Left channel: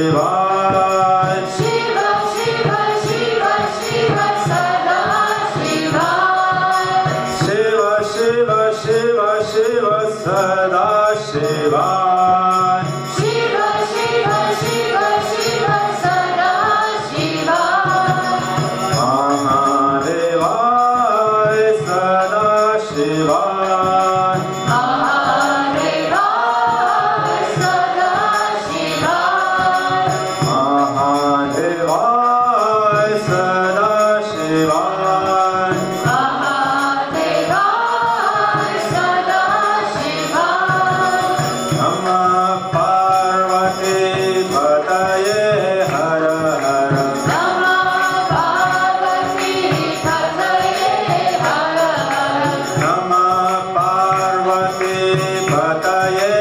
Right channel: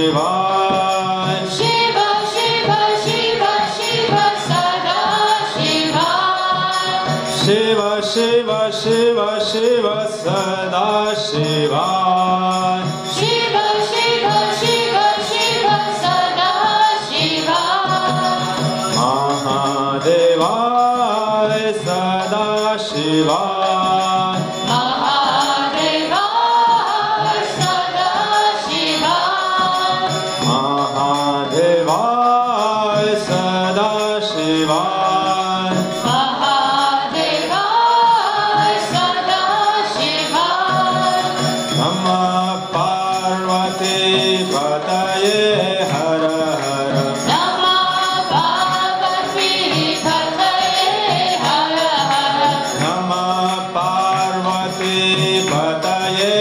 शिवाय शिव शिव शिव शिव सदा शिवाय शिव शिव शिव शिव सदा शिवाय शिव शिव शिव शिव सदा शिवाय महादेवाय सदा शिवाय महादेवाय सदा शिवाय महादेवाय सदा शिवाय महादेवाय सदा शिवाय नमः पार्वती पतये हर हर नमः पार्वती पतये हर हर नमः पार्वती पतये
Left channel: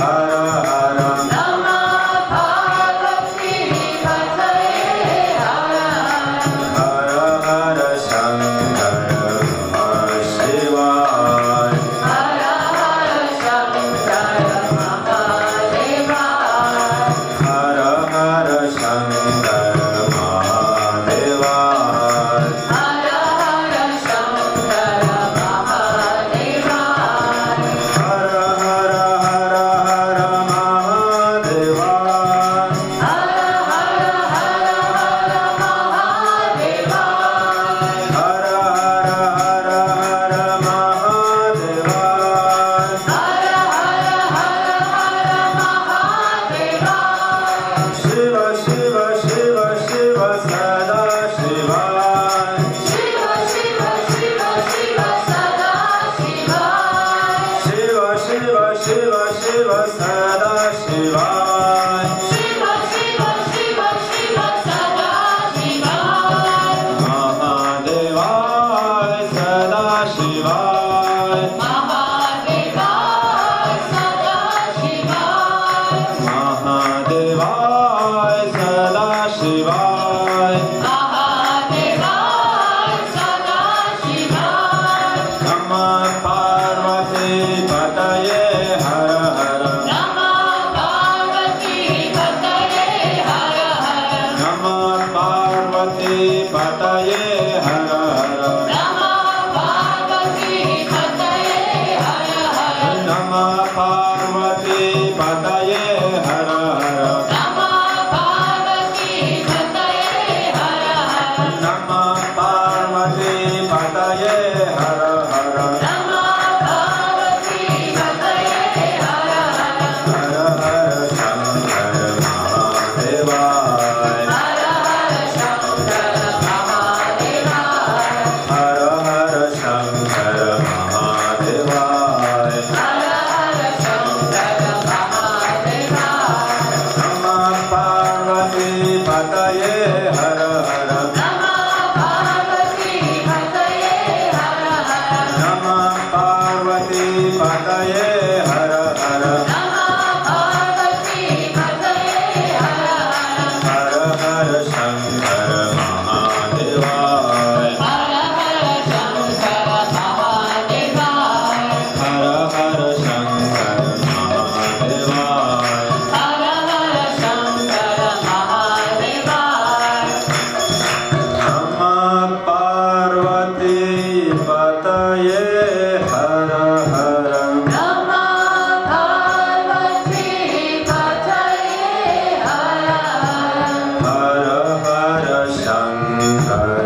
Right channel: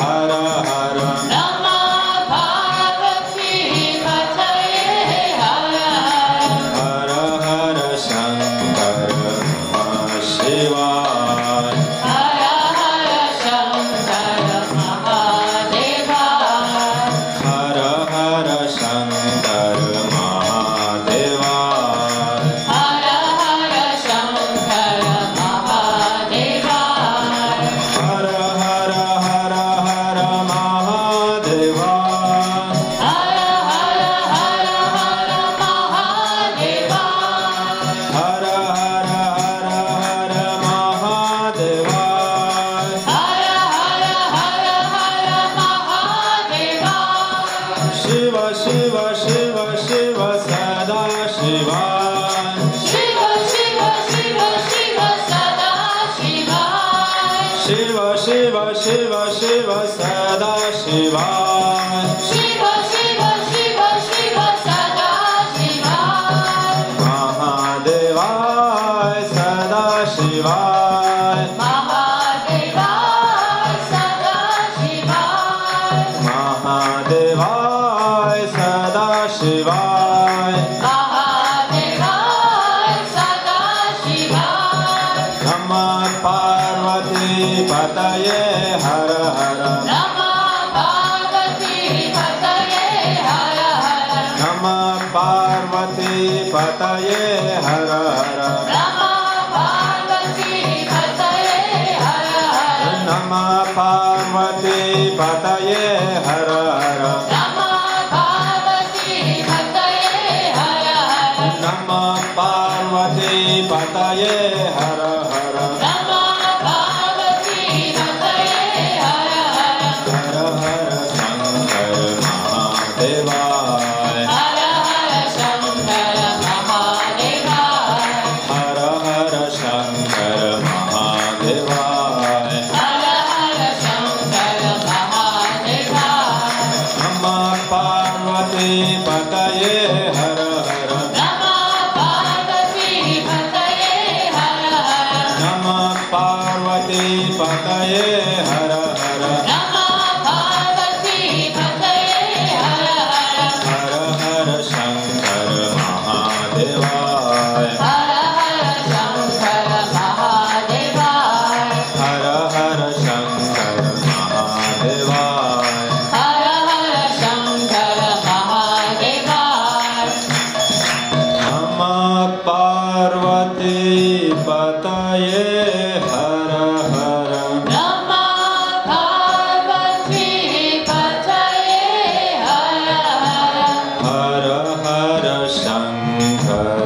हर हर नमः पार्वती पतये हर हर हर हर शंकर शिवाय हर हर शंकर महादेवाय हर हर शंकर महादेवाय हर हर शंकर महादेवाय हर हर हर हर महादेवाय हर हर हर हर महादेवाय हर हर हर हर महादेवाय हर हर हर हर महादेवाय शिव शिव शिव शिव सदा शिवाय शिव शिव शिव शिव सदा शिवाय शिव शिव शिव शिव सदा शिवाय शिव शिव शिव शिव सदा शिवाय महादेवाय सदा शिवाय महादेवाय सदा शिवाय महादेवाय सदा शिवाय महादेवाय सदा शिवाय नमः पार्वती पतये हर हर नमः पार्वती पतये हर हर नमः पार्वती पतये हर हर नमः पार्वती पतये हर हर नमः पार्वती पतये हर हर नमः पार्वती पतये हर हर नमः पार्वती पतये हर हर नमः पार्वती पतये हर हर हर हर शंकर महादेवाय हर हर शंकर महादेवाय हर हर शंकर महादेवाय हर हर शंकर महादेवाय नमः पार्वती पतये हर हर नमः पार्वती पतये हर हर नमः पार्वती पतये हर हर नमः पार्वती पतये हर हर हर हर शंकर महादेवाय हर हर शंकर महादेवाय हर हर शंकर महादेवाय हर हर शंकर महादेवाय नमः पार्वती पतये हर हर नमः पार्वती पतये हर हर हर हर शंकर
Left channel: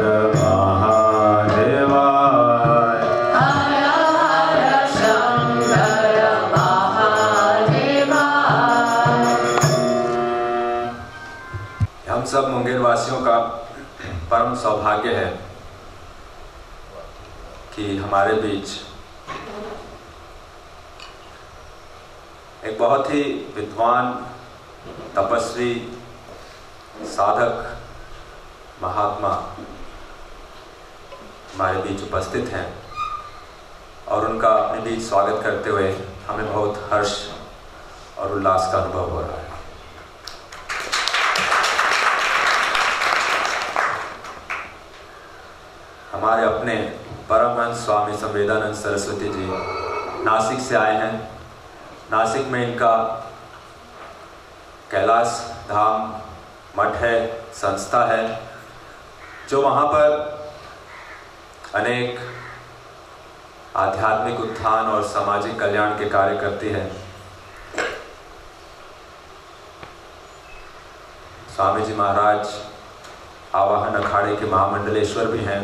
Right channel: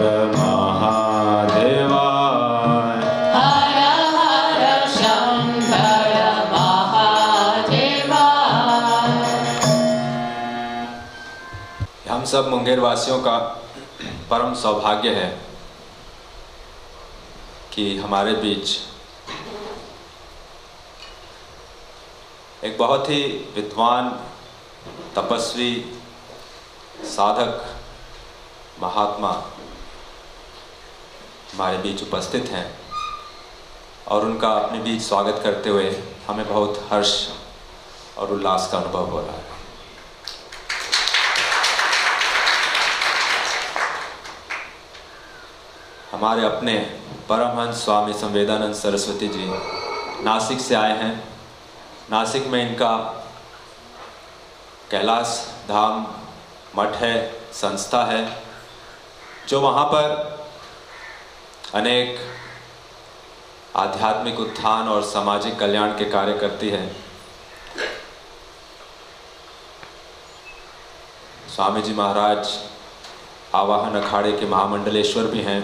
महादेवाय हर हर शंकर महादेवाय हम सब मुंगेर वासियों का परम सौभाग्य है कि हमारे बीच एक बहुत ही विद्वान, तपस्वी, साधक, महात्मा हमारे बीच उपस्थित हैं और उनका अपने बीच स्वागत करते हुए हमें बहुत हर्ष और उल्लास का अनुभव हो रहा है। हमारे अपने परमहंस स्वामी संवेदानंद सरस्वती जी नासिक से आए हैं। नासिक में इनका कैलाश धाम मठ है, संस्था है, जो वहाँ पर अनेक आध्यात्मिक उत्थान और सामाजिक कल्याण के कार्य करती है। स्वामी जी महाराज आवाहन अखाड़े के महामंडलेश्वर भी हैं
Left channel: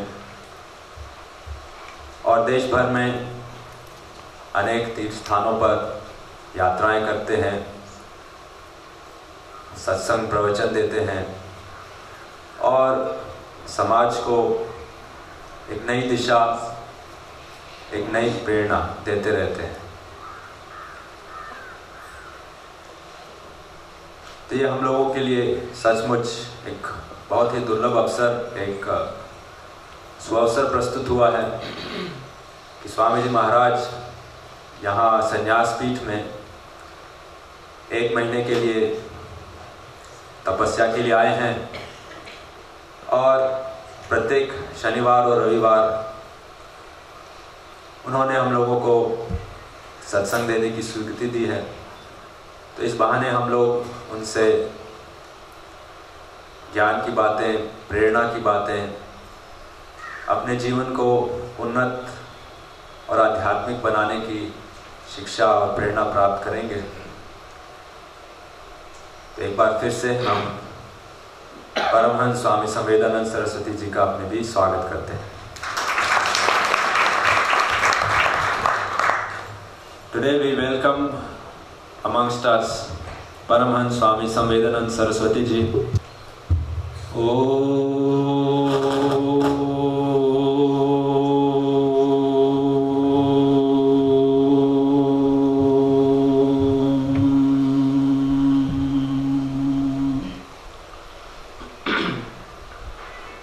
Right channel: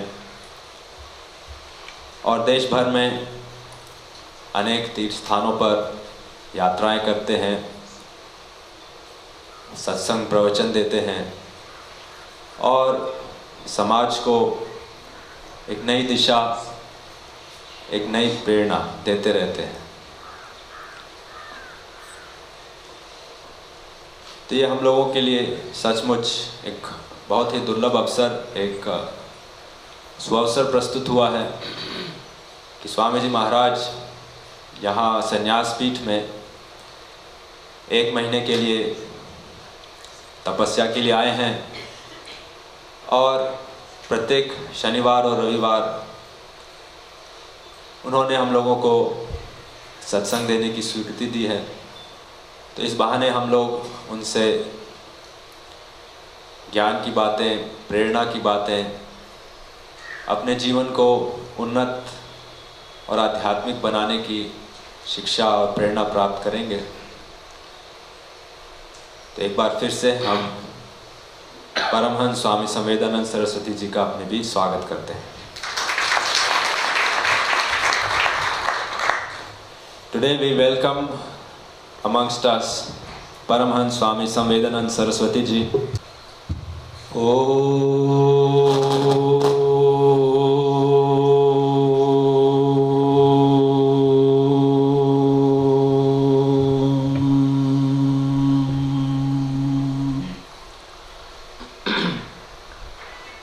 और देश भर में अनेक तीर्थ स्थानों पर यात्राएं करते हैं, सत्संग प्रवचन देते हैं और समाज को एक नई दिशा, एक नई प्रेरणा देते रहते हैं। तो ये हम लोगों के लिए सचमुच एक बहुत ही दुर्लभ अवसर, एक सुअवसर प्रस्तुत हुआ है कि स्वामी जी महाराज यहाँ संन्यास पीठ में 1 महीने के लिए तपस्या के लिए आए हैं और प्रत्येक शनिवार और रविवार उन्होंने हम लोगों को सत्संग देने की स्वीकृति दी है। तो इस बहाने हम लोग उनसे ज्ञान की बातें, प्रेरणा की बातें, अपने जीवन को उन्नत और आध्यात्मिक बनाने की शिक्षा और प्रेरणा प्राप्त करेंगे। तो एक बार फिर से हम परमहंस स्वामी संवेदानंद सरस्वती जी का अपने भी स्वागत करते हैं। Today we welcome amongst us Paramhans Swami Samvedanand Saraswati ji.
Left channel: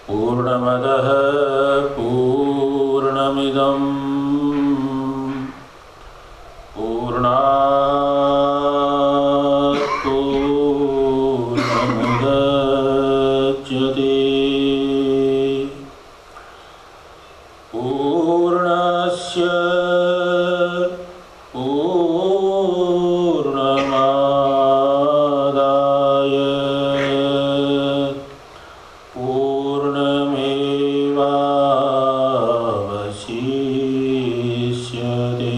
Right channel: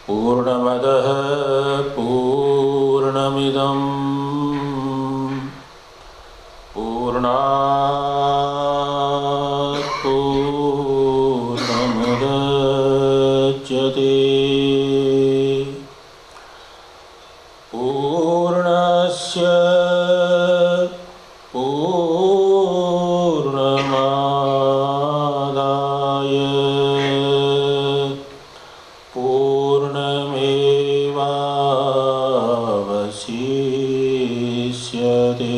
पूर्णमदः पूर्णमिदं पूर्णात् पूर्णमुदच्यते पूर्णस्य पूर्णमादाय पूर्णमेवावशिष्यते।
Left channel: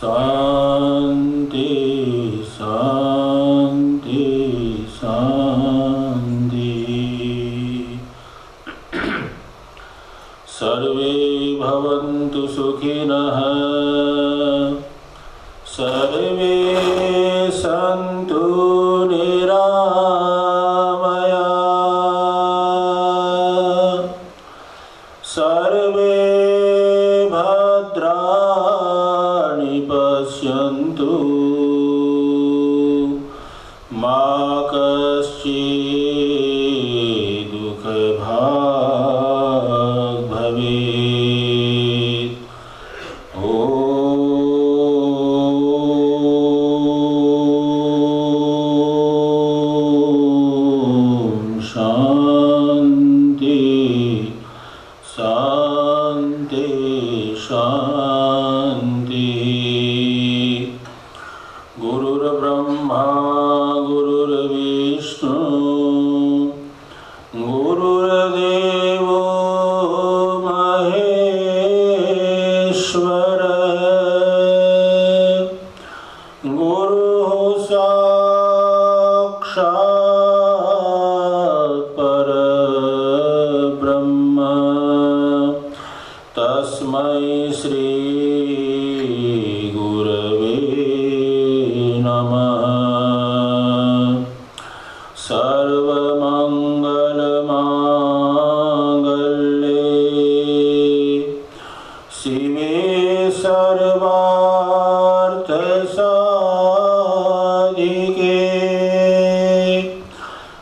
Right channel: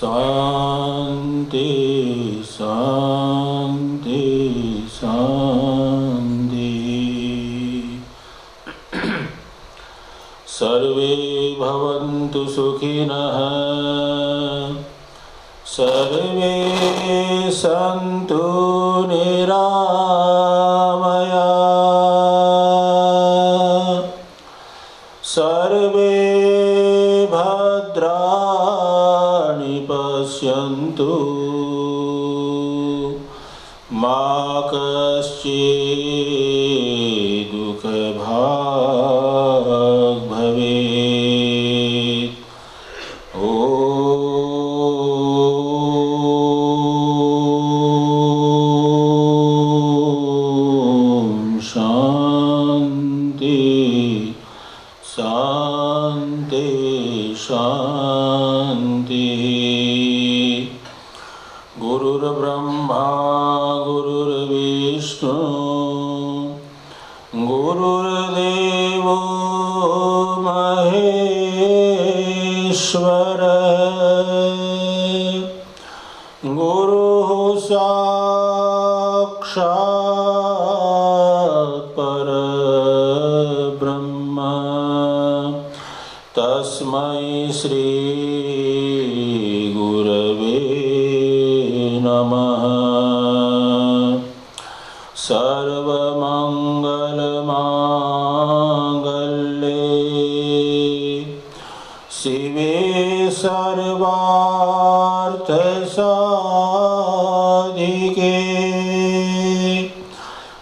शांति शांति शांति। सर्वे भवन्तु सुखिनः, सर्वे सन्तु निरामयाः, सर्वे भद्राणि पश्यन्तु, मा कश्चित् दुःखभाग् भवेत्। ॐ शान्ति शान्ति शान्ति। गुरुर्ब्रह्मा गुरुर्विष्णु गुरुर्देवो महेश्वर, गुरुः साक्षात् परब्रह्म, तस्मै श्री गुरवे नमः। सर्वमङ्गलमाङ्गल्ये शिवे सर्वार्थसाधिके,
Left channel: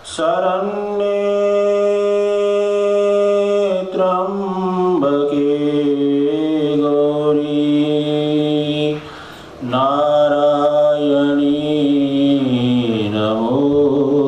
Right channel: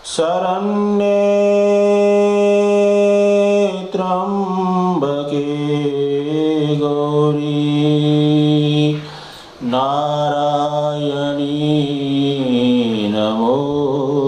शरण्ये त्र्यम्बके गौरी नारायणी नमोस्तुते।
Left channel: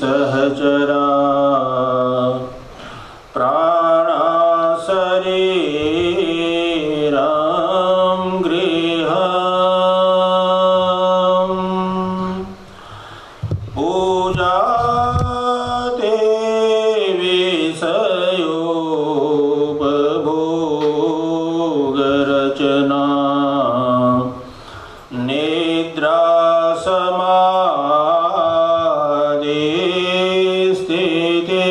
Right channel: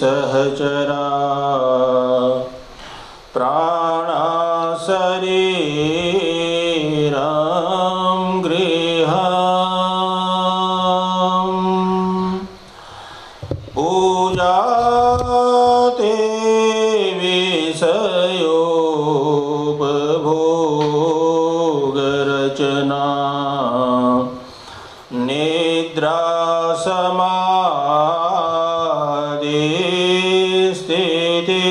सहचरा प्राणा शरीरं गृहम् पूजाते विषयोपभोगरचना निद्रा समाधि स्थिते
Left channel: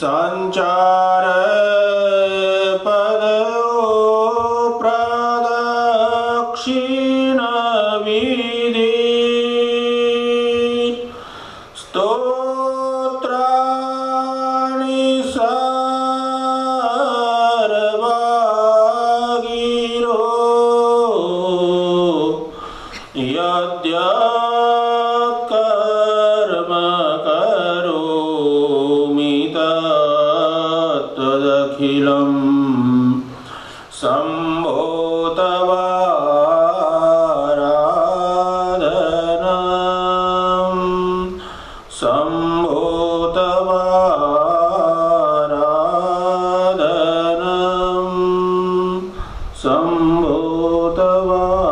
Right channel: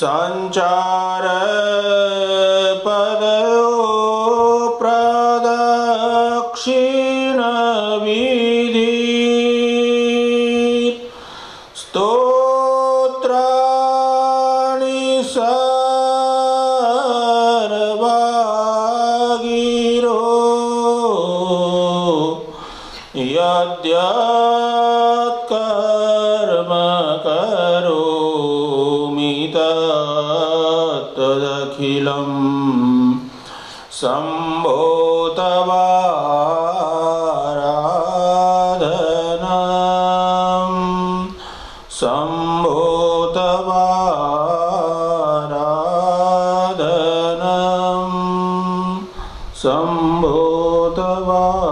संचार पदयो प्रदक्षिण विधि स्तोत्राणि सर्वागिरो यद्यत् कर्म करोमि तदखिलं शम्भो तवाराधनम् शम्भो तवाराधनम् शम्भो तवाराधनम्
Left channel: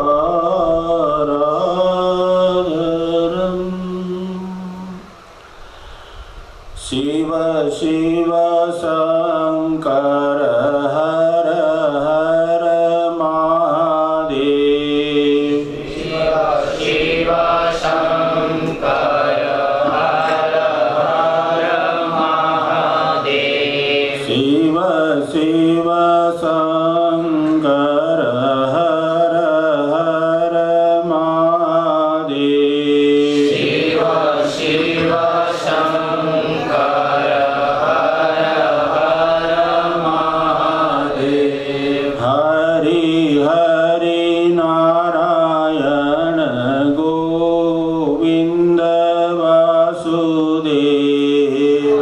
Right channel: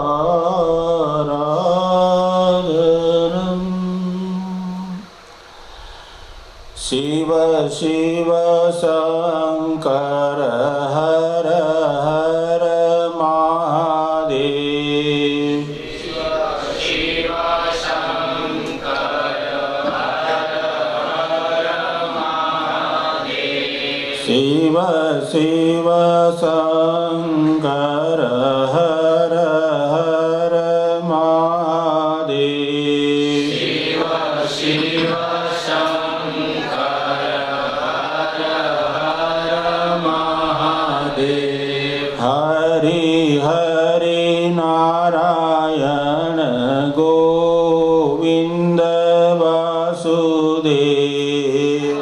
शिव शिव शङ्कर हर हर महादेव शिव शिव शङ्कर हर हर महादेव हरि हरि नारायण गोविन्द वासुदेव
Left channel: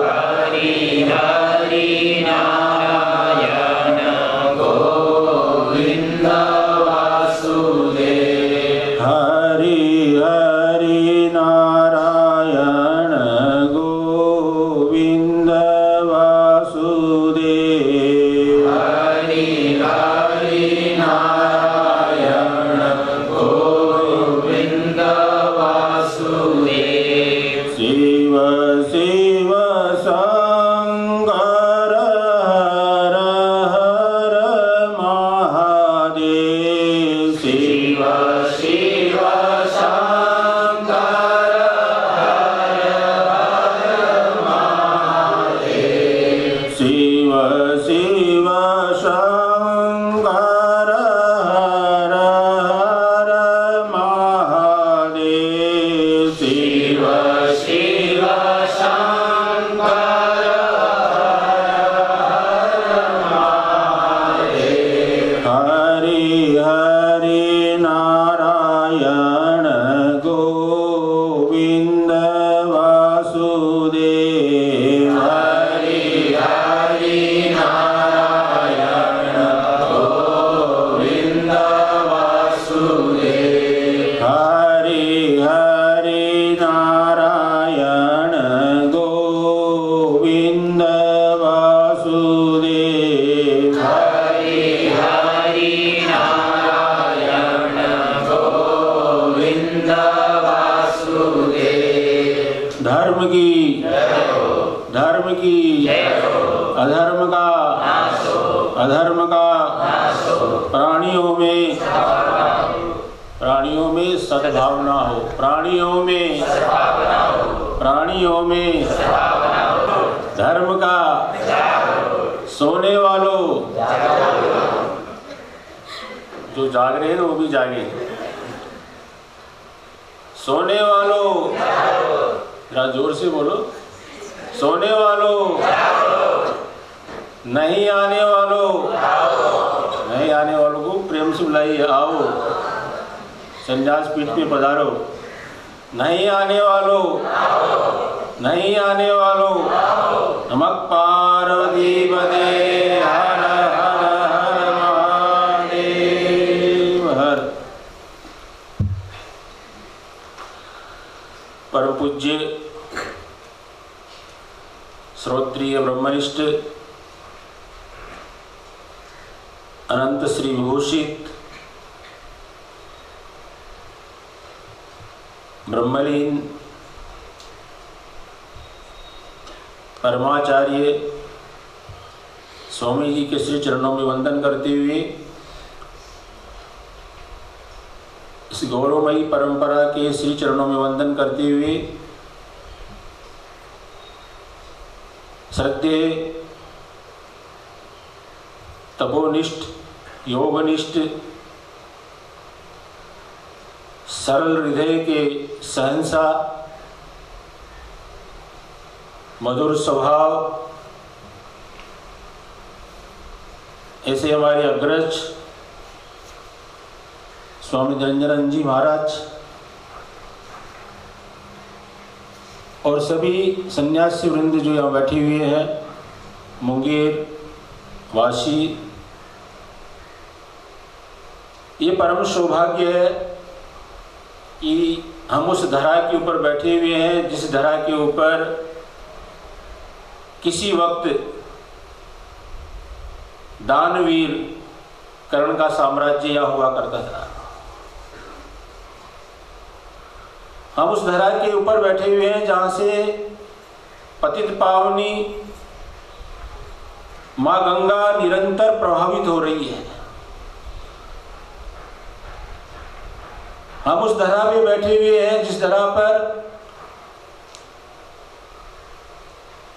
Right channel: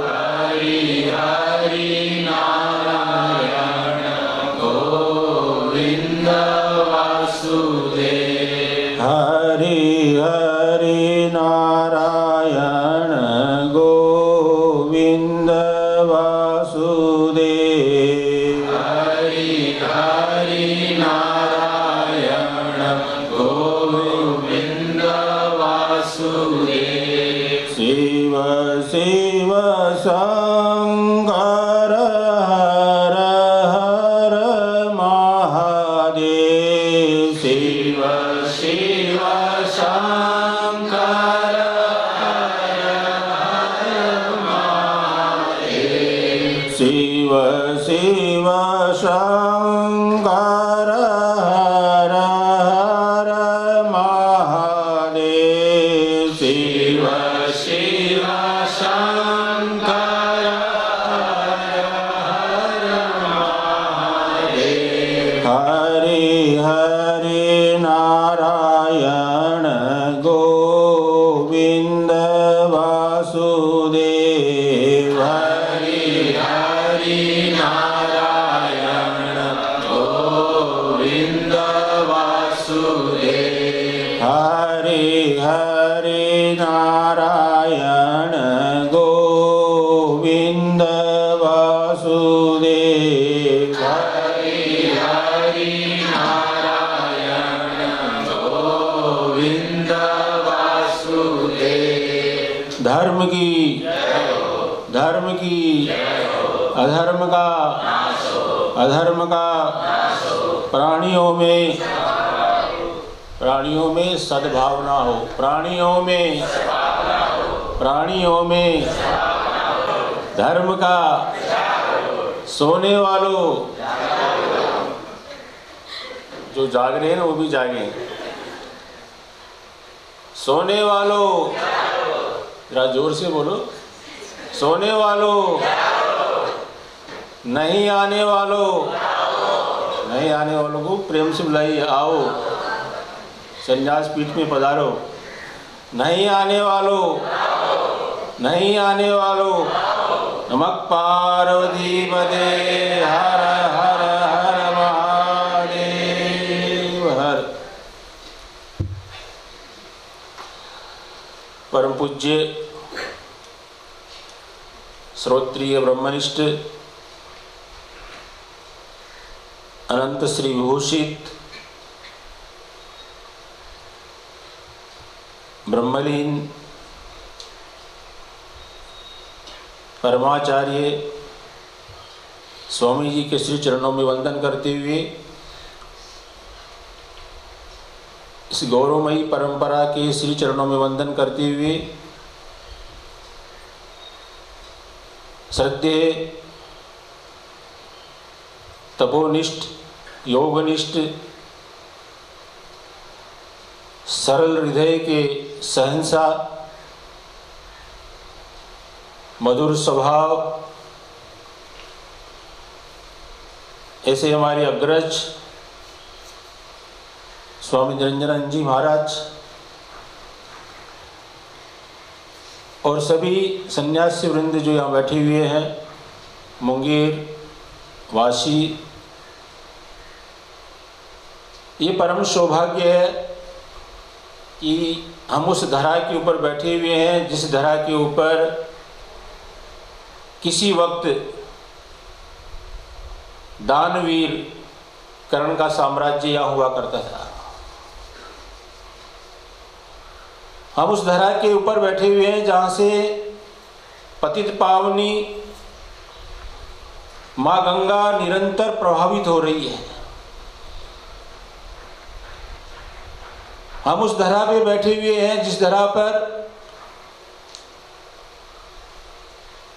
हरि हरि नारायण गोविन्द वासुदेव शिव शिव शङ्कर हर हर महादेव शिव शिव शङ्कर शिव शिव शङ्कर हर हर महादेव शिव शिव शङ्कर हरि हरि नारायण गोविन्द वासुदेव हरि हरि नारायण गोविन्द वासुदेव हरि हरि नारायण गोविन्द वासुदेव हरि हरि नारायण गोविन्द वासुदेव धर्म की अधर्म का प्राणियों में सद्भावना हो प्राणियों में धर्म का सोने वालों जो जाग रहे हैं वो भी जागे सोने वालों जरा जोर से बोलो सोने वालों नहीं आने वालों को प्रेम से बुलाइए आओ संन्यास पीठ में पधारो नहीं आने वालों नमः पार्वती पते हर हर हर महादेव हर परम पूज्य श्रोत्रिय ब्रह्मनिष्ठ अनंत श्री विभूषित ब्रह्मलीन परमाचार्य स्वामी जी के श्री चरणों में वंदन करते हुए इस गौरवमयी परंपरा के श्री चरणों में वंदन करते हुए श्रद्धेय तपोनिष्ठ योगनिष्ठ सरल हृदय के सहनशाह मधुर स्वभाव ऐसे हमारे अग्रज स्वामी निरंजनानंद जी महाराज और सभी सन्यासी वृंद जो यहाँ बैठे हुए हैं, मुंगेर वासी, ये परम सौभाग्य है कि हम उस धरा के ऊपर बैठे हुए हैं जिस धरा के ऊपर किसी वक्त दानवीर कर्ण का साम्राज्य यहाँ हुआ करता था। हम उस धरा के ऊपर बैठे हुए हैं जहाँ से पतित पावनी माँ गंगा निरंतर प्रभावित हो रही है। हम उस धरा पे बैठे हुए हैं जिस धरा पर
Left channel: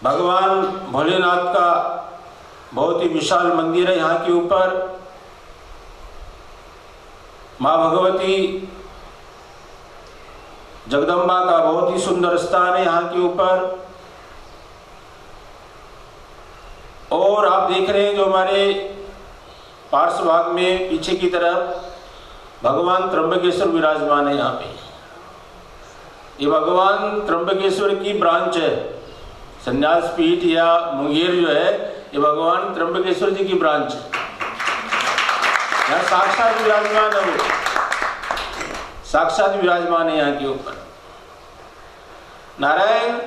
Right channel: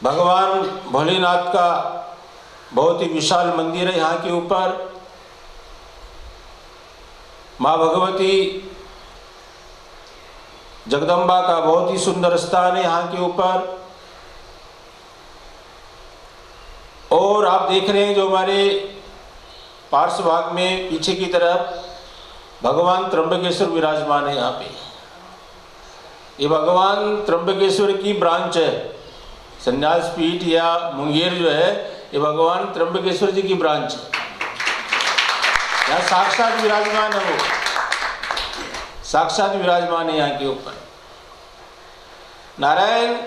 भगवान भोलेनाथ का बहुत ही विशाल मंदिर है। यहाँ के ऊपर माँ भगवती जगदम्बा का बहुत ही सुंदर स्थान है यहाँ के ऊपर। और आप देख रहे हैं जो हमारे पार्श्व भाग में पीछे की तरफ भगवान त्र्यंबकेश्वर विराजमान है। यहाँ पे ये भगवान त्र्यंबकेश्वर की ब्रांच है। संन्यास पीठ या मुंगेर जो है ये भगवान त्र्यंबकेश्वर जी की ब्रांच है। यहाँ साक्षात विराजमान है, वो साक्षात विराजमान है यहाँ के ऊपर। नारायण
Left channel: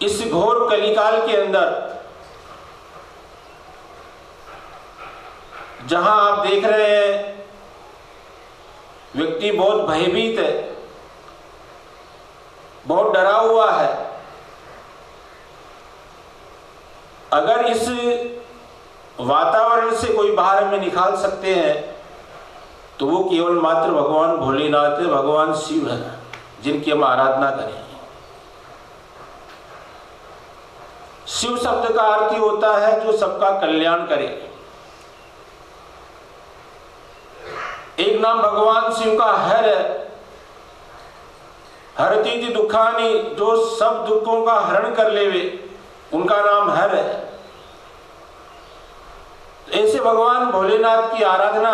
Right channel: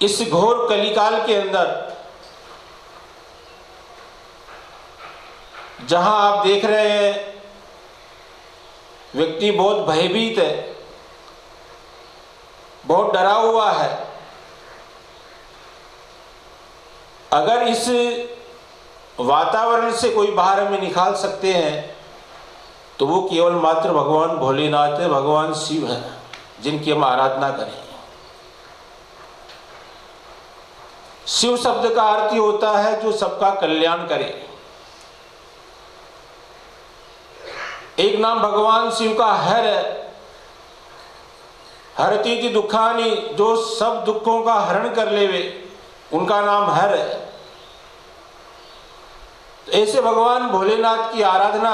इस घोर कलिकाल के अंदर जहां आप देख रहे हैं व्यक्ति बहुत भयभीत है, बहुत डरा हुआ है। अगर इस वातावरण से कोई बाहर हमें निकाल सकते हैं तो वो केवल मात्र भगवान भोलेनाथ है, भगवान शिव है, जिनकी हम आराधना करें। शिव शब्द का अर्थ होता है जो सबका कल्याण करे। एक नाम भगवान शिव का हर है, हरतीति दुखानी, जो सब दुखों का हरण कर लेवे, उनका नाम हर है। ऐसे भगवान भोलेनाथ की आराधना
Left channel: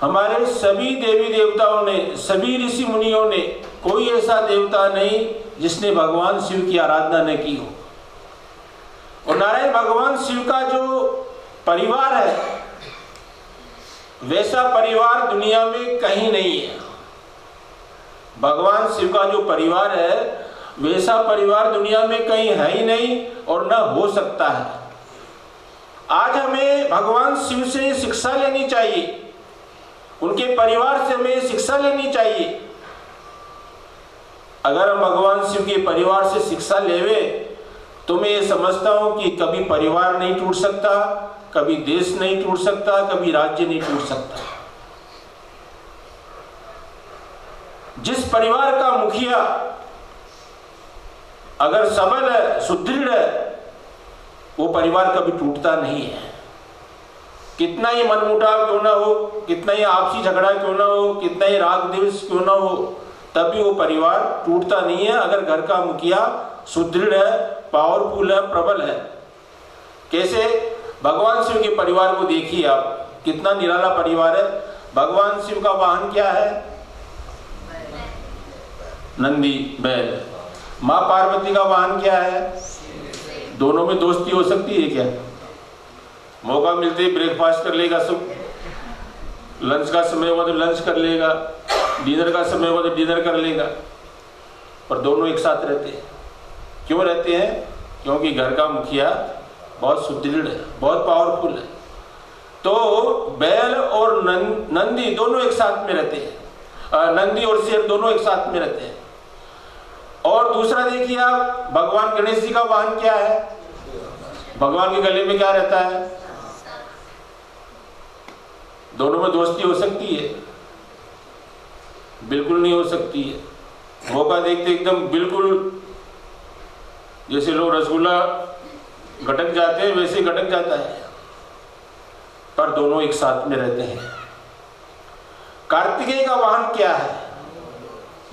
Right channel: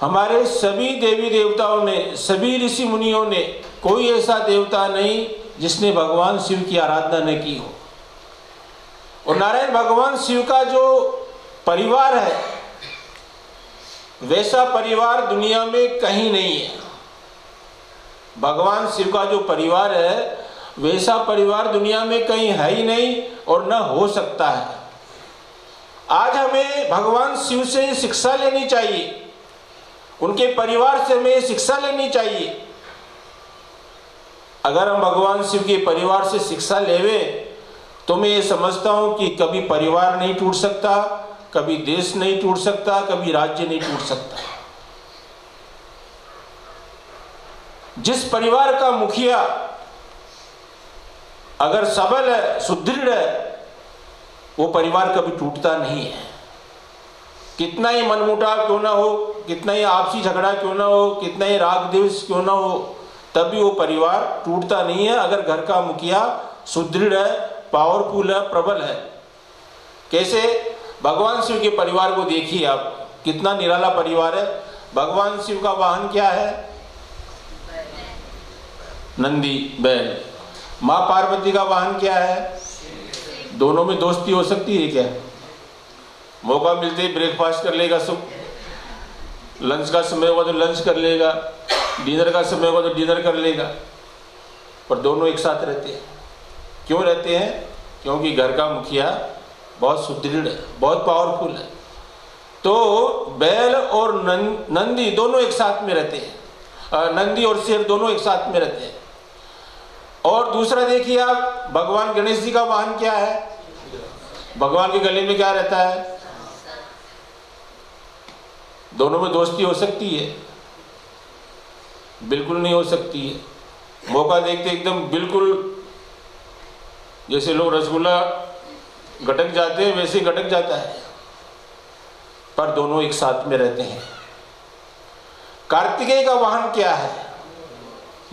हमारे सभी देवी देवताओं ने, सभी ऋषि मुनियों ने, कोई ऐसा देवता नहीं जिसने भगवान शिव की आराधना न की हो। और नारायण भगवान शिव का जो परिवार है वैसा परिवार दुनिया में कहीं नहीं है। भगवान शिव का जो परिवार है वैसा परिवार दुनिया में कहीं है ही नहीं और न हो सकता है। आज हमें भगवान शिव से शिक्षा लेनी चाहिए, उनके परिवार से हमें शिक्षा लेनी चाहिए। अगर हम भगवान शिव के परिवार से शिक्षा लेवे तो मैं ये समझता हूं कि कभी परिवार नहीं टूट सकता, कभी देश नहीं टूट सकता, कभी राज्य नहीं टूट सकता। जिस परिवार का मुखिया अगर सबल है, सुदृढ़ है, वो परिवार कभी टूटता नहीं है। कितना ही मनमुटाव क्यों ना हो, कितना ही आपसी झगड़ा क्यों ना हो, कितना ही राग द्वेष क्यों ना हो, तभी वो परिवार टूटता नहीं है अगर घर का मुखिया सुदृढ़ है, पावरफुल है, प्रबल है। कैसे? भगवान शिव के परिवार को देखिए आप, कितना निराला परिवार है। भगवान शिव का वाहन क्या है? नंदी, बैल। माँ पार्वती का वाहन क्या है? दोनों में दोस्ती हो सकती है क्या? मौका मिलते ही ब्रेकफास्ट कर लेगा सब। लंच का समय हुआ तो लंच कर लेगा, डिनर का समय हुआ तो डिनर कर लेगा, पर दोनों एक साथ रहते हैं। क्यों रहते हैं? क्योंकि घर का मुखिया बहुत सुदृढ़ है, बहुत पावरफुल है। तो बैल और नंदी दोनों एक साथ में रहते हैं, नंदी और शेर दोनों एक साथ में रहते हैं। और दूसरा देखिए आप, भगवान गणेश जी का वाहन क्या है? भगवान के गले में क्या रहता है? दोनों में दोस्ती हो सकती है? बिल्कुल नहीं हो सकती है। मौका देखते एकदम बिल्कुल जैसे लोग रसगुल्ला गटक जाते हैं वैसे गटक जाता है, पर दोनों एक साथ में रहते हैं। कार्तिकेय का वाहन क्या है?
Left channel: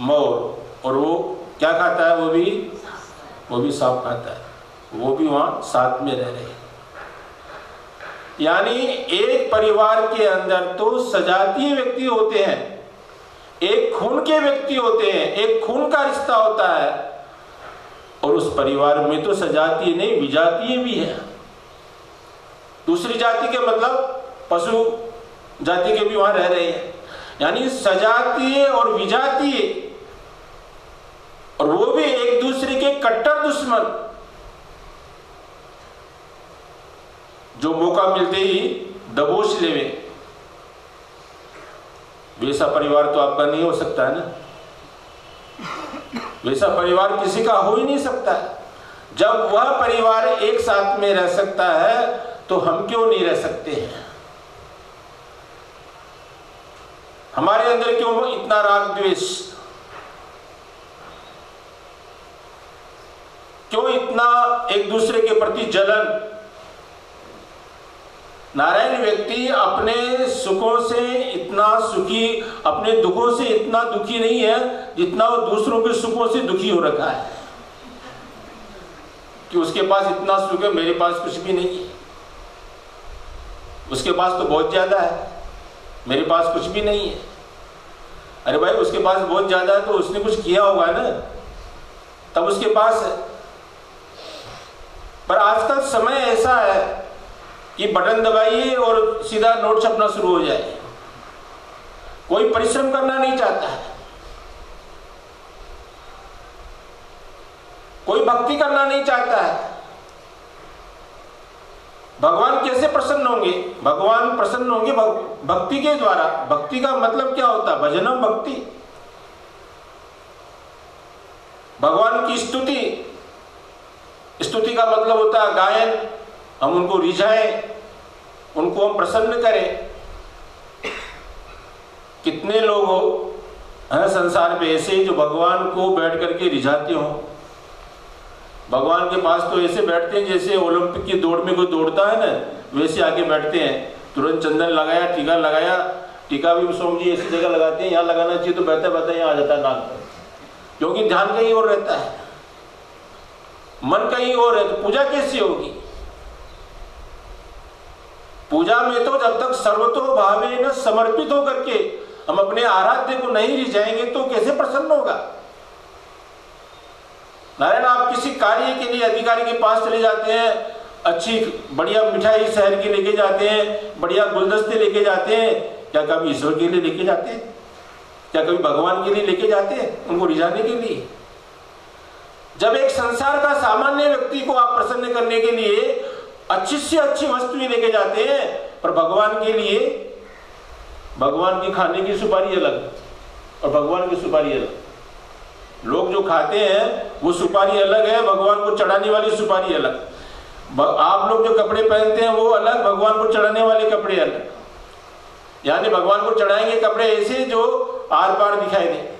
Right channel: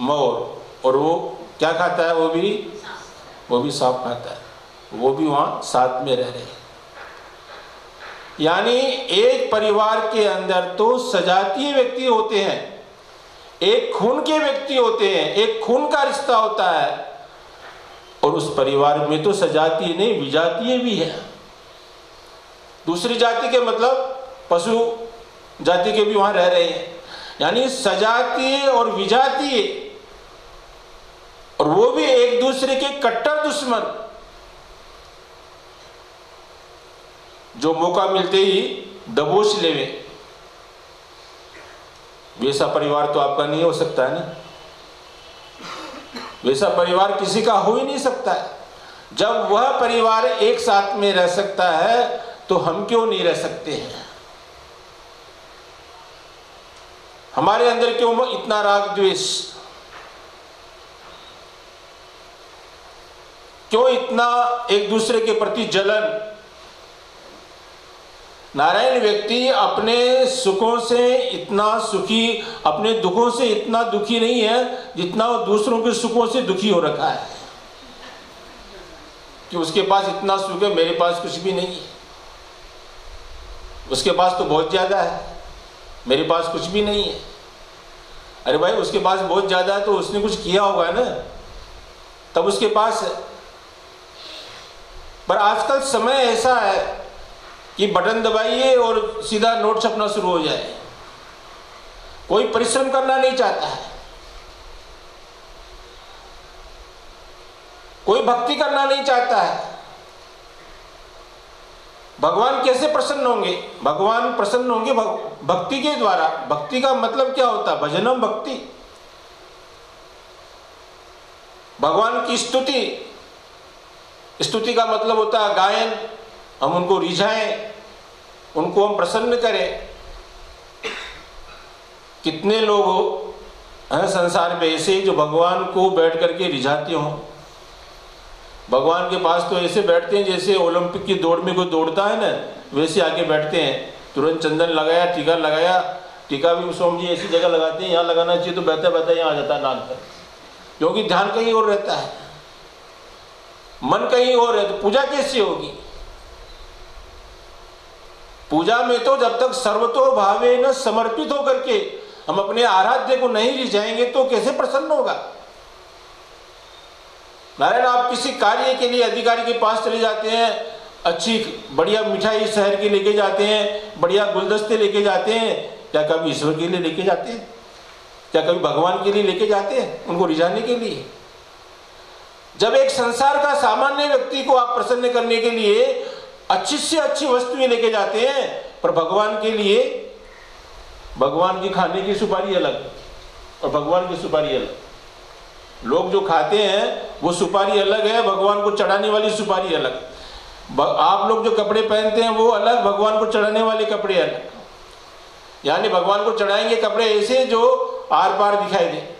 मोर, और वो क्या खाता है? वो भी सांप खाता है, वो भी वहां साथ में रह रहे हैं। यानी एक परिवार के अंदर तो सजातीय व्यक्ति होते हैं, एक खून के व्यक्ति होते हैं, एक खून का रिश्ता होता है, और उस परिवार में तो सजातीय नहीं विजातीय भी है। दूसरी जाति के मतलब पशु जाति के भी वहां रह रहे हैं। यानी सजातीय और विजातीय, और वो भी एक दूसरे के कट्टर दुश्मन, जो मौका मिलते ही दबोच लेवे। वैसा परिवार तो आपका नहीं हो सकता ना, वैसा परिवार किसी का हो ही नहीं सकता। जब वह परिवार एक साथ में रह सकता है तो हम क्यों नहीं रह सकते हैं? हमारे अंदर क्यों इतना राग द्वेष, क्यों इतना एक दूसरे के प्रति जलन? नारायण व्यक्ति अपने सुखों से इतना सुखी, अपने दुखों से इतना दुखी नहीं है जितना दूसरों के सुखों से दुखी हो रखा है, कि उसके पास इतना सुख है, मेरे पास कुछ भी नहीं है। उसके पास तो बहुत ज्यादा है, मेरे पास कुछ भी नहीं है। अरे भाई, उसके पास बहुत ज्यादा है तो उसने कुछ किया होगा ना, तब उसके पास है। पर आजकल समय ऐसा है कि बटन दबाइए और सीधा नोट छपना शुरू हो जाए। कोई परिश्रम करना नहीं चाहता है, कोई भक्ति करना नहीं चाहता है। भगवान कैसे प्रसन्न होंगे? भगवान प्रसन्न होंगे भक्ति के द्वारा। भक्ति का मतलब क्या होता है? भजनम भक्ति, भगवान की स्तुति। स्तुति का मतलब होता है गायन, हम उनको रिझाएं, उनको हम प्रसन्न करें। कितने लोग हैं संसार में ऐसे जो भगवान को बैठ करके रिझाते हों। भगवान के पास तो ऐसे बैठते हैं जैसे ओलंपिक की दौड़ में कोई दौड़ता है ना, वैसे आके बैठते हैं। तुरंत चंदन लगाया, टीका लगाया। टीका भी सोम जी ऐसी जगह लगाते हैं, यहाँ लगाना चाहिए तो बहता बहता यहाँ आ जाता है नाक पर, क्योंकि ध्यान कहीं और रहता है, मन कहीं और है। तो पूजा कैसी होगी? पूजा में तो जब तक सर्वतो भावे न समर्पित होकर के हम अपने आराध्य को नहीं रिझाएंगे तो कैसे प्रसन्न होगा? नारायण, आप किसी कार्य के लिए अधिकारी के पास चले जाते हैं, अच्छी बढ़िया मिठाई शहर की लेके जाते हैं, बढ़िया गुलदस्ते लेके जाते हैं, क्या कभी ईश्वर के लिए लेके जाते हैं? क्या कभी भगवान के लिए लेके जाते हैं उनको रिझाने के लिए? जब एक संसार का सामान्य व्यक्ति को आप प्रसन्न करने के लिए अच्छी से अच्छी वस्तुएं लेके जाते हैं, पर भगवान के लिए, भगवान की खाने की सुपारी अलग और भगवान की सुपारी अलग। लोग जो खाते हैं वो सुपारी अलग है, भगवान को चढ़ाने वाली सुपारी अलग। आप लोग जो कपड़े पहनते हैं वो अलग, भगवान को चढ़ाने वाले कपड़े अलग। यानी भगवान को चढ़ाएंगे कपड़े ऐसे जो आर पार दिखाई दे,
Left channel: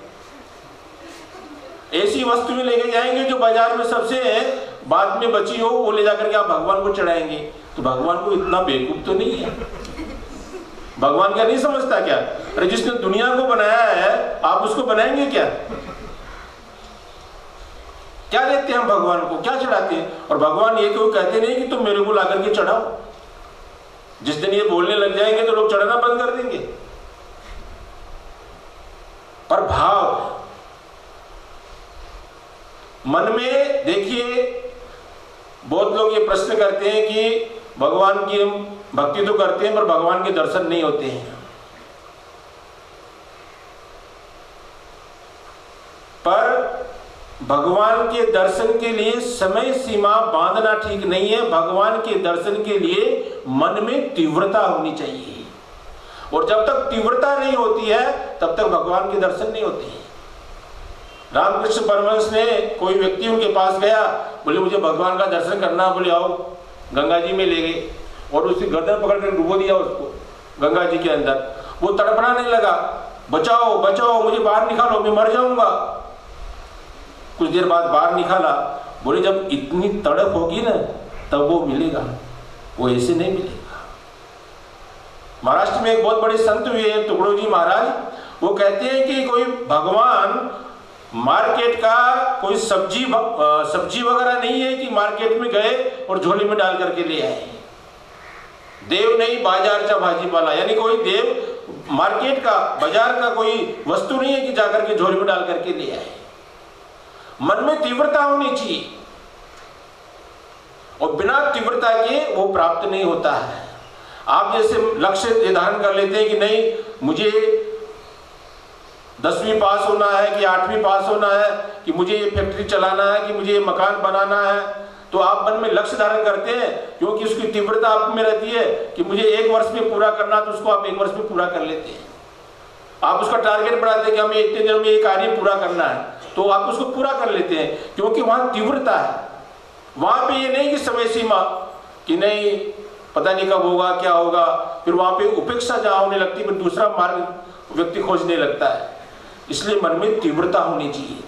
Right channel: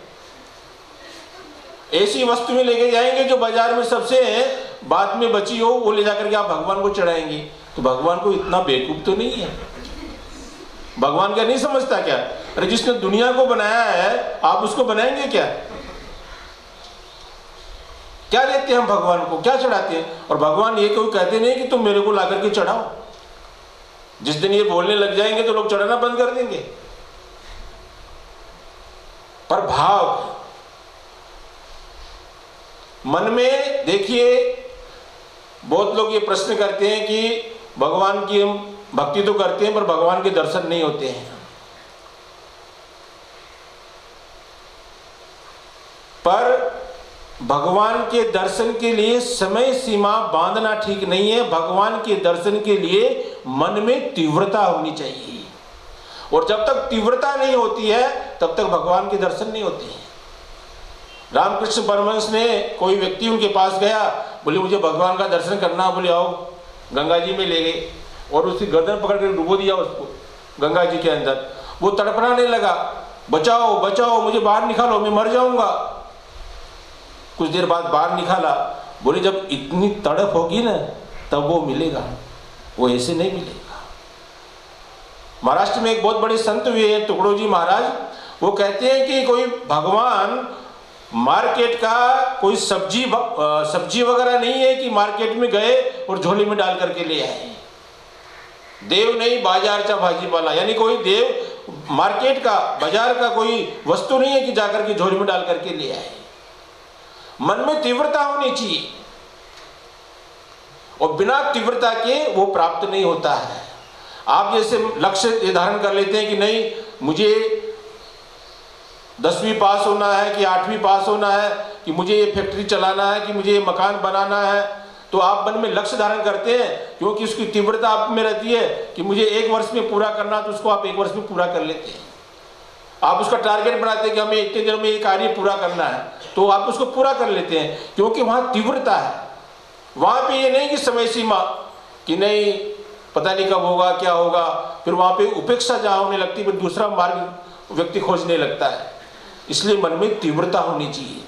ऐसी वस्तुएं लेके जाएंगे जो बाजार में सबसे बाद में बची हो, वो ले जाकर के आप भगवान को चढ़ाएंगे। तो भगवान को इतना बेवकूफ तो नहीं है? भगवान क्या नहीं समझता क्या? अरे जिसने दुनिया को बनाया है आप उसको बनाएंगे क्या? क्या देते हैं हम भगवान को, क्या चढ़ाते हैं? और भगवान ये कोई कहते नहीं कि तुम मेरे को लाकर के चढ़ाओ। जिस दिन ये बोलने लग जाएंगे तो लोग चढ़ाना बंद कर देंगे। पर भाव मन में देखिए, बहुत लोग ये प्रश्न करते हैं कि भगवान की हम भक्ति तो करते हैं पर भगवान के दर्शन नहीं होते हैं। पर भगवान के दर्शन के लिए समय सीमा बांधना ठीक नहीं है। भगवान के दर्शन के लिए मन में तीव्रता होनी चाहिए, और जब तक तीव्रता नहीं होती है तब तक भगवान के दर्शन नहीं होते हैं। रामकृष्ण परमहंस ने, कोई व्यक्ति उनके पास गया, बोले मुझे भगवान का दर्शन करना। बोले आओ, गंगा जी में ले गए और उसकी गर्दन पकड़ कर डुबो दिया उसको गंगा जी के अंदर। वो तड़पड़ाने लगा, बचाओ बचाओ, मुझे बाहर निकालो, मैं मर जाऊंगा। कुछ देर बाद बाहर निकाला। बोले जब इतनी तड़प होगी ना तब वो मिलेगा, वो ऐसे नहीं मिलेगा। महाराष्ट्र में एक बहुत बड़े संत हुए हैं टुकड़ोजी महाराज, वो कहते हैं कि कोई भगवान मार्केट का कोई सब्जी वगैरह नहीं है कि मार्केट में गए और झोली में डाल करके ले आए। देव नहीं बाजार चा भाजीपाला, यानी कोई देव मार्केट का, बाजार का कोई वस्तु नहीं है कि जाकर के झोली में डाल करके ले आए। मन में तीव्रता होनी चाहिए, और बिना तीव्रता के वो प्राप्त नहीं होता है। आप जैसे लक्ष्य निर्धारण कर लेते हैं कि नहीं मुझे 10वीं पास होना है कि 8वीं पास होना है, कि मुझे ये फैक्ट्री चलाना है, कि मुझे ये मकान बनाना है, तो आप मन में लक्ष्य धारण करते हैं क्योंकि उसकी तीव्रता आप में रहती है कि मुझे 1 वर्ष में पूरा करना, तो उसको आप 1 वर्ष में पूरा कर लेते हैं। आप उसका टारगेट बनाते हैं कि हमें इतने दिनों में ये कार्य पूरा करना है, तो आप उसको पूरा कर लेते हैं क्योंकि वहां तीव्रता है। वहां पे ये नहीं कि समय सीमा कि नहीं पता नहीं कब होगा क्या होगा, फिर वहां पे उपेक्षा जहां होने लगती है, फिर दूसरा मार्ग व्यक्ति खोजने लगता है। इसलिए मन में तीव्रता होनी चाहिए,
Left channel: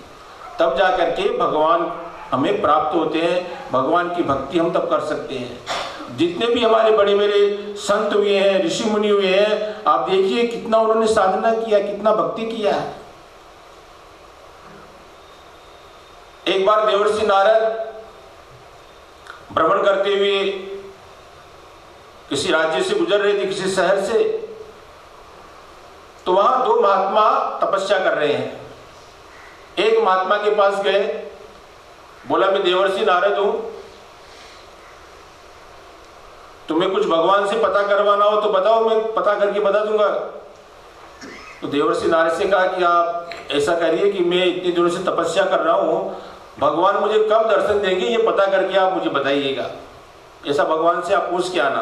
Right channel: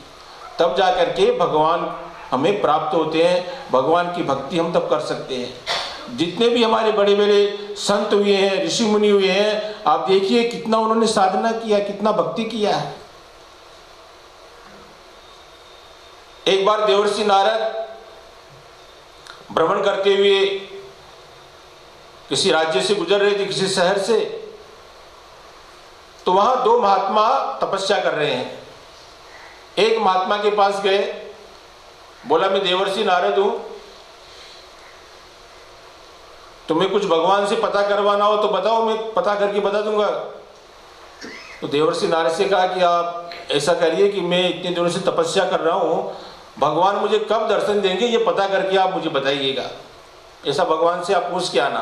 तब जा करके भगवान हमें प्राप्त होते हैं। भगवान की भक्ति हम तब कर सकते हैं। जितने भी हमारे बड़े बड़े संत हुए हैं, ऋषि मुनि हुए हैं, आप देखिए कितना उन्होंने साधना किया, कितना भक्ति किया है। एक बार देवर्षि नारद भ्रमण करते हुए किसी राज्य से गुजर रहे थे, किसी शहर से, तो वहां 2 महात्मा तपस्या कर रहे हैं। एक महात्मा के पास गए, बोला मैं देवर्षि नारद हूं, तुम्हें कुछ भगवान से पता करवाना हो तो बताओ, मैं पता करके बता दूंगा। तो देवर्षि नारद से कहा कि आप ऐसा करिए कि मैं इतने दिनों से तपस्या कर रहा हूं, भगवान मुझे कब दर्शन देंगे ये पता करके आप मुझे बताइएगा, ऐसा भगवान से आप पूछ के आना।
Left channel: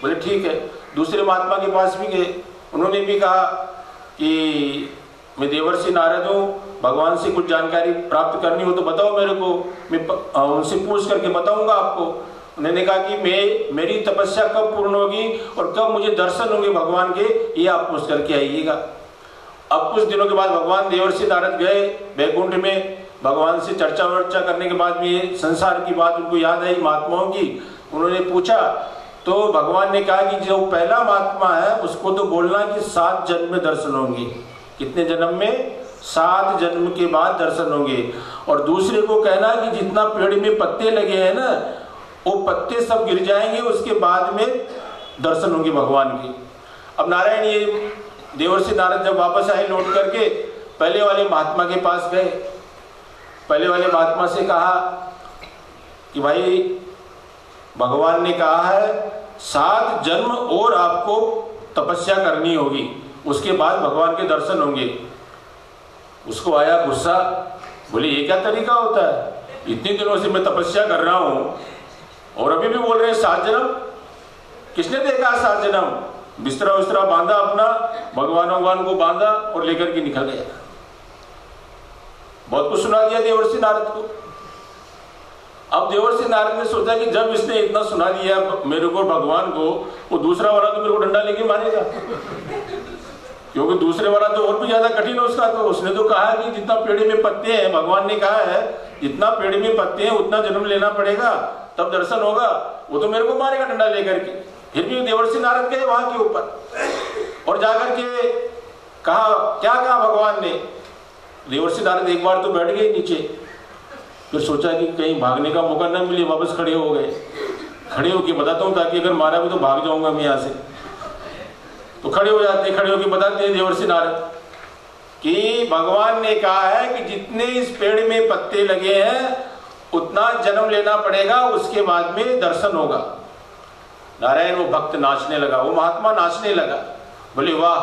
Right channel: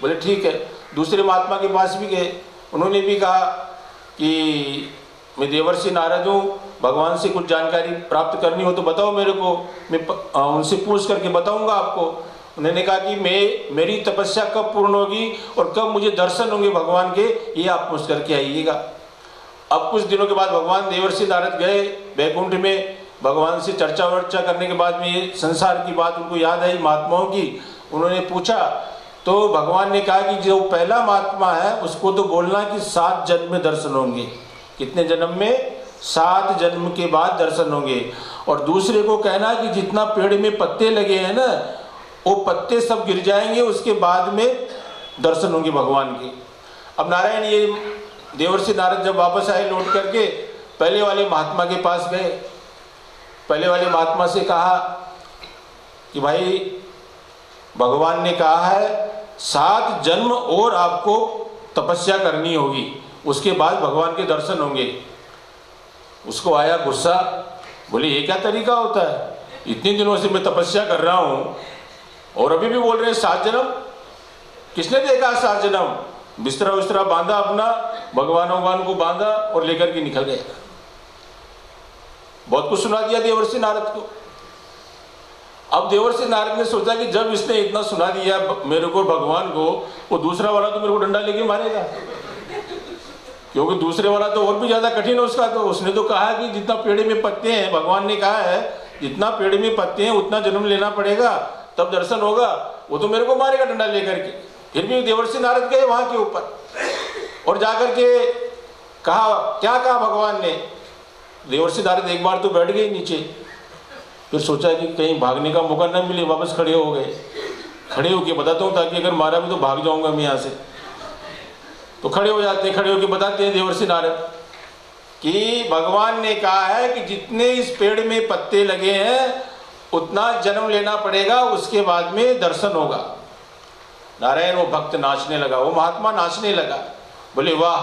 बोले ठीक है। दूसरे महात्मा के पास भी गए, उन्होंने भी कहा कि मैं देवर्षि नारद हूँ, भगवान से कुछ जानकारी प्राप्त करनी हो तो बताओ मेरे को, मैं उनसे पूछ करके बताऊंगा आपको। उन्होंने कहा कि मेरी तपस्या कब पूर्ण होगी और कब मुझे दर्शन होंगे भगवान के, ये आप पूछ करके आइएगा। अब कुछ दिनों के बाद भगवान देवर्षि नारद गए वैकुंठ में, भगवान से चर्चा वर्चा करने के बाद में ये संसार की बात उनको याद आई महात्माओं की। उन्होंने पूछा तो भगवान ने कहा कि जो पहला महात्मा है उसको तो बोलना कि 7 जन्म में दर्शन होंगे। कितने जन्म में? 7 जन्म के बाद दर्शन होंगे। और दूसरे को कहना कि जितना पेड़ में पत्ते लगे हैं ना, वो पत्ते सब गिर जाएंगे, उसके बाद में दर्शन होंगे भगवान के। अब नारायण ये देवर्षि नारद जब वापस आए लौट करके, पहले वाले महात्मा के पास गए। पहले वाले महात्मा से कहा कि भाई भगवान ने कहा है 7 जन्म और आपको तपस्या करनी होगी, उसके बाद भगवान के दर्शन होंगे। उसको आया गुस्सा, बोले ये क्या तरीका होता है, इतने दिनों से मैं तपस्या कर रहा हूँ और अभी भी बोल रहे हैं 7 जन्म। किसने देखा 7 जन्म? बिस्तरा उस्तरा बांधा अपना, भगवान को बांधा और लेकर के निकल गया। बहुत कुछ सुना दिया देवर्षि नारद को। अब देवर्षि नारद ने सोचा कि जब इसने इतना सुना दिया मेरे को भगवान को, वो दूसरा वाला तो मेरे को डंडा लेके मारेगा, क्योंकि दूसरे वाला तो और भी ज्यादा कठिन है उसका। तो उसने तो कहा कि जितना पेड़ में पत्ते हैं, भगवान ने कहा है जितना पेड़ में पत्ते हैं उतना जन्म लेना पड़ेगा तब दर्शन होगा, वो तो मेरे को मारेगा डंडा लेकर के। फिर भी देवर्षि नारद गए वहां के ऊपर और जाकर के कहा, क्या कहा भगवान ने? देवर्षि नारद एक बार तो बैठ गए नीचे, फिर सोचा कि कहीं भागने का मौका न मिले, वापस खड़े हो गए। खड़े होके बताता हूँ ताकि अगर मारा भी तो भाग जाऊंगा मैं यहाँ से। तो खड़े हो जाते हैं, खड़े होके बताते हैं देवर्षि नारद कि भगवान ने कहा है कि जितने इस पेड़ में पत्ते लगे हैं उतना जन्म लेना पड़ेगा, उसके बाद में दर्शन होगा। नारायण वो भक्त नाचने लगा, वो महात्मा नाचने लगा, बोले वाह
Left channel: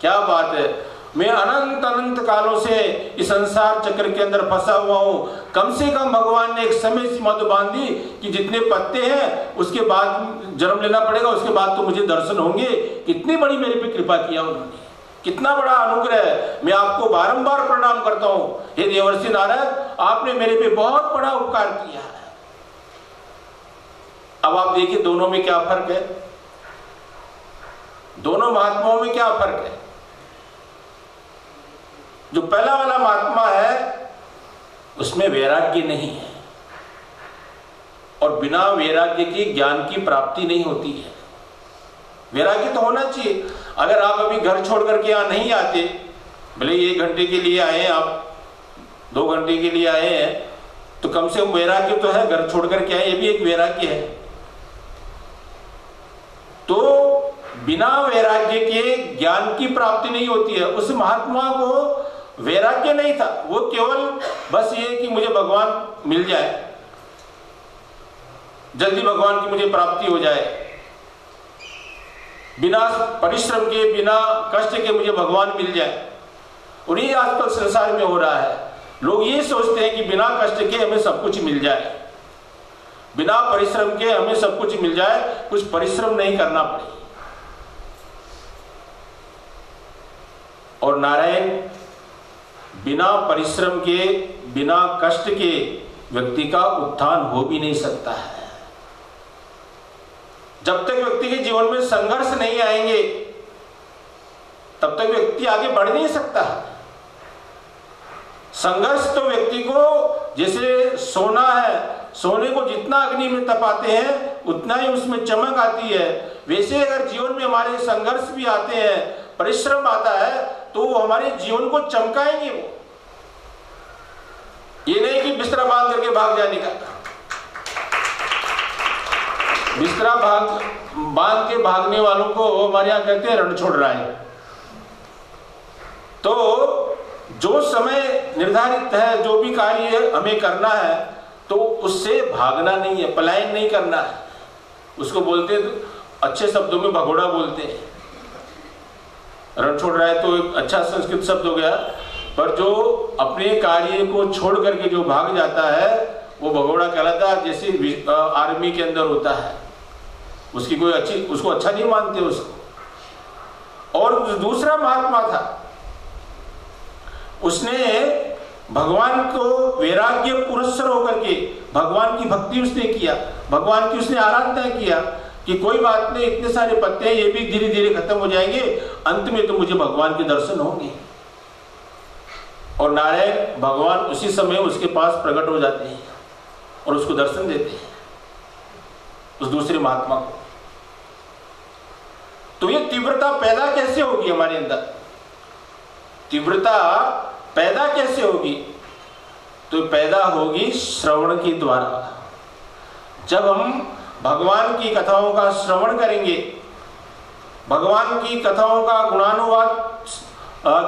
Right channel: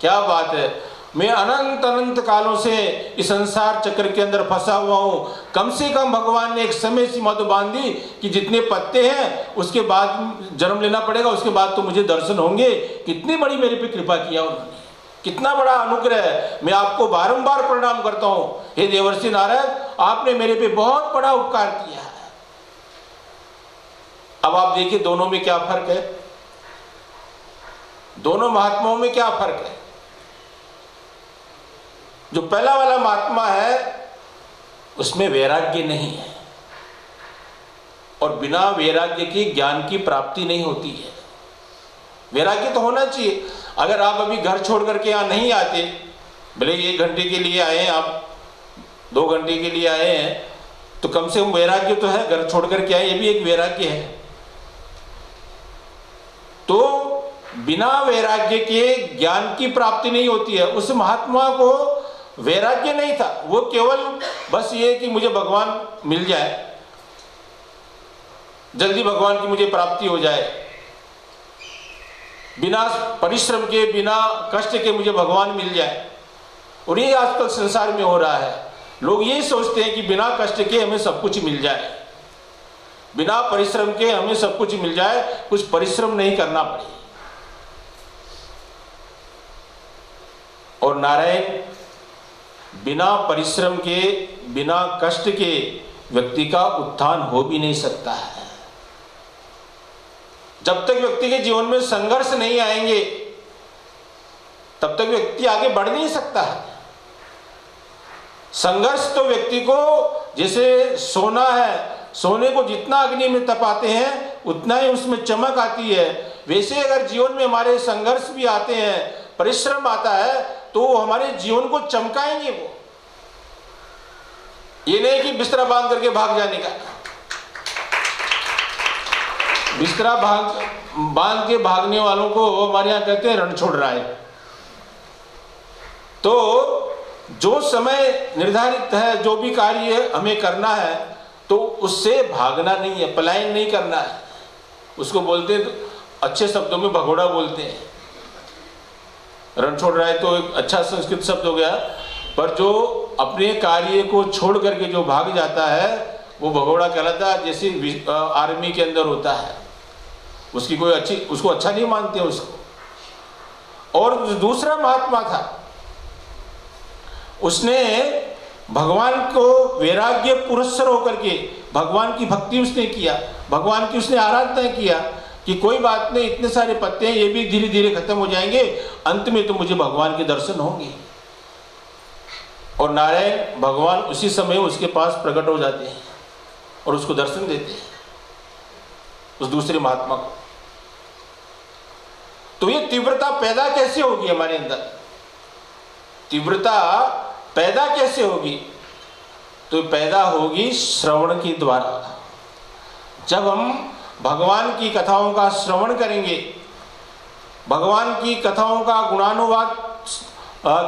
क्या बात है। मैं अनंत अनंत कालों से इस संसार चक्र के अंदर फंसा हुआ हूं। कम से कम भगवान ने एक समय सीमा तो बांध दी कि जितने पत्ते हैं उसके बाद जन्म लेना पड़ेगा, उसके बाद तो मुझे दर्शन होंगे। कितनी बड़ी मेरे पे कृपा किया उन्होंने, कितना बड़ा अनुग्रह है। मैं आपको बारंबार प्रणाम करता हूं। हे देवर्षि नारद, आपने मेरे पे बहुत बड़ा उपकार किया है। अब आप देखिए दोनों में क्या फर्क है, दोनों महात्माओं में क्या फर्क है। जो पहला वाला महात्मा है उसमें वैराग्य नहीं है, और बिना वैराग्य की ज्ञान की प्राप्ति नहीं होती है। वैराग्य तो होना चाहिए। अगर आप अभी घर छोड़ करके यहां नहीं आते, भले 1 घंटे के लिए आए हैं, आप 2 घंटे के लिए आए हैं, तो कम से कम वैराग्य तो है, घर छोड़ करके आए, ये भी एक वैराग्य है। तो बिना वैराग्य के ज्ञान की प्राप्ति नहीं होती है। उस महात्मा को वैराग्य नहीं था, वो केवल बस ये कि मुझे भगवान मिल जाए, जल्दी भगवान की मुझे प्राप्ति हो जाए, बिना परिश्रम के बिना कष्ट के मुझे भगवान मिल जाए। और ये आजकल संसार में हो रहा है। लोग ये सोचते हैं कि बिना कष्ट के हमें सब कुछ मिल जाए, बिना परिश्रम के हमें सब कुछ मिल जाए, कुछ परिश्रम नहीं करना पड़े। और नारायण बिना परिश्रम के बिना कष्ट के व्यक्ति का उत्थान हो भी नहीं सकता है। जब तक व्यक्ति के जीवन में संघर्ष नहीं आएंगे तब तक व्यक्ति आगे बढ़ नहीं सकता है। संघर्ष तो व्यक्ति को, जैसे सोना है, सोने को जितना अग्नि में तपाते हैं उतना ही उसमें चमक आती है। वैसे अगर जीवन में हमारे संघर्ष भी आते हैं, परिश्रम आता है, तो वो हमारे जीवन को चमकाएंगे। वो ये नहीं कि बिस्तरा बांध करके भाग जाने का। बिस्तरा बांध के भागने वालों को हमारे यहाँ कहते हैं रण छोड़ रहा है। तो जो समय निर्धारित है, जो भी कार्य हमें करना है, तो उससे भागना नहीं है, पलायन नहीं करना है। उसको बोलते हैं, अच्छे शब्दों में भगोड़ा बोलते हैं। रण छोड़ रहा है तो एक अच्छा संस्कृत शब्द हो गया, पर जो अपने कार्य को छोड़ करके जो भाग जाता है वो भगोड़ा कहलाता है। जैसे आर्मी के अंदर होता है, उसकी कोई उसको अच्छा नहीं मानते उसको। और दूसरा महात्मा था, उसने भगवान को वैराग्य पुरस्सर होकर के भगवान की भक्ति उसने किया, भगवान की उसने आराधना किया कि कोई बात नहीं, इतने सारे पत्ते हैं, ये भी धीरे धीरे खत्म हो जाएंगे, अंत में तो मुझे भगवान के दर्शन होंगे। और नारायण भगवान उसी समय उसके पास प्रकट हो जाते हैं और उसको दर्शन देते हैं, उस दूसरे महात्मा को। तो ये तीव्रता पैदा कैसे होगी हमारे अंदर? तीव्रता पैदा कैसे होगी? तो पैदा होगी श्रवण के द्वारा। जब हम भगवान की कथाओं का श्रवण करेंगे, भगवान की कथाओं का गुणानुवाद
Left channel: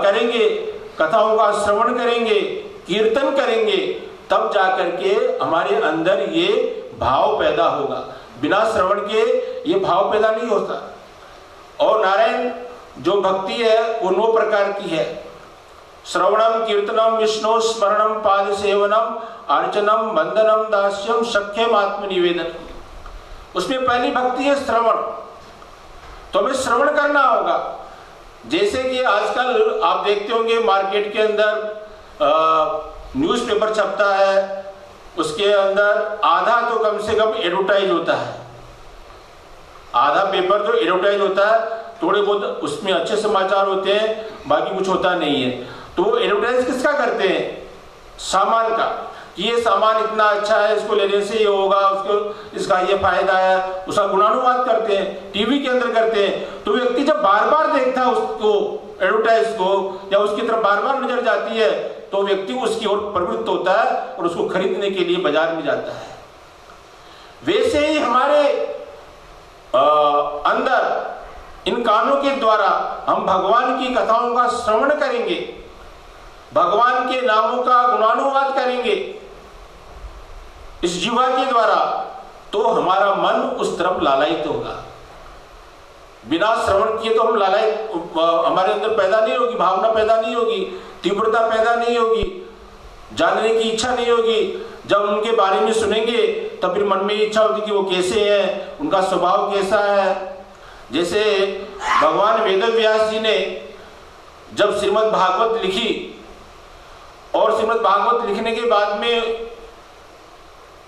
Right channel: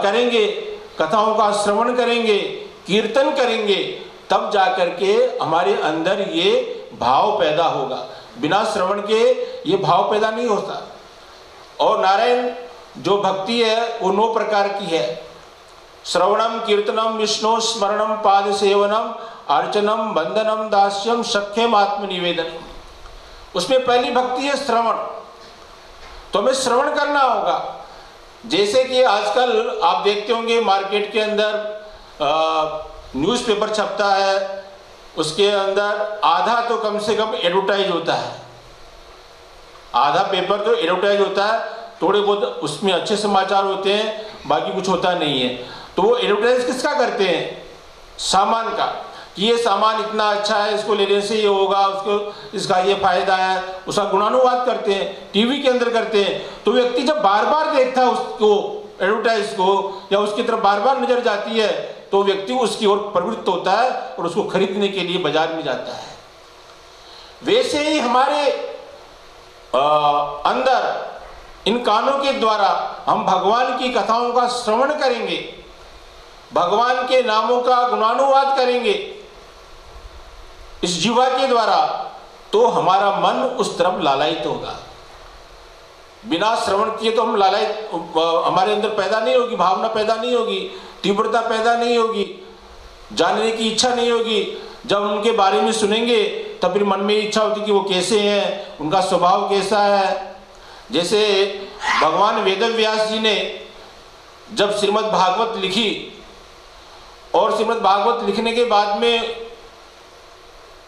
करेंगे, कथाओं का श्रवण करेंगे, कीर्तन करेंगे, तब जाकर के हमारे अंदर ये भाव पैदा होगा। बिना श्रवण के ये भाव पैदा नहीं होता। और नारायण जो भक्ति है वो 9 प्रकार की है। श्रवणम, कीर्तनम, विष्णु स्मरणम, पाद सेवनम, अर्चनम, वंदनम, दास्यम, सख्यम, आत्मनिवेदनम। उसमें पहली भक्ति है श्रवण। तो हमें श्रवण करना होगा। जैसे कि आजकल आप देखते होंगे मार्केट के अंदर न्यूज़पेपर छपता है, उसके अंदर आधा तो कम से कम एडवर्टाइज होता है, आधा पेपर तो एडवर्टाइज होता है, थोड़े बहुत उसमें अच्छे समाचार होते हैं, बाकी कुछ होता नहीं है। तो वो एडवर्टाइज किसका करते हैं? सामान का, कि ये सामान इतना अच्छा है, इसको लेने से ये होगा, उसको इसका ये फायदा है, उसका गुणानुवाद करते हैं, टीवी के अंदर करते हैं। तो व्यक्ति जब बार बार देखता है उसको, एडवर्टाइज को, या उसकी तरफ बार बार नजर जाती है, तो व्यक्ति उसकी ओर प्रवृत्त होता है और उसको खरीदने के लिए बाजार में जाता है। वैसे ही हमारे अंदर इन कानों के द्वारा हम भगवान की कथाओं का श्रवण करेंगे, भगवान के नामों का गुणानुवाद करेंगे इस जीवा के द्वारा, तो हमारा मन उस तरफ लालायित होगा। बिना श्रवण किए तो हम लालय हमारे अंदर पैदा नहीं होगी, भावना पैदा नहीं होगी, तीव्रता पैदा नहीं होगी, जानने की इच्छा नहीं होगी। जब उनके बारे में सुनेंगे तब फिर मन में इच्छा होती कि वो कैसे हैं, उनका स्वभाव कैसा है। जैसे भगवान वेदव्यास जी ने जब श्रीमद् भागवत लिखी और श्रीमद् भागवत लिखने के बाद में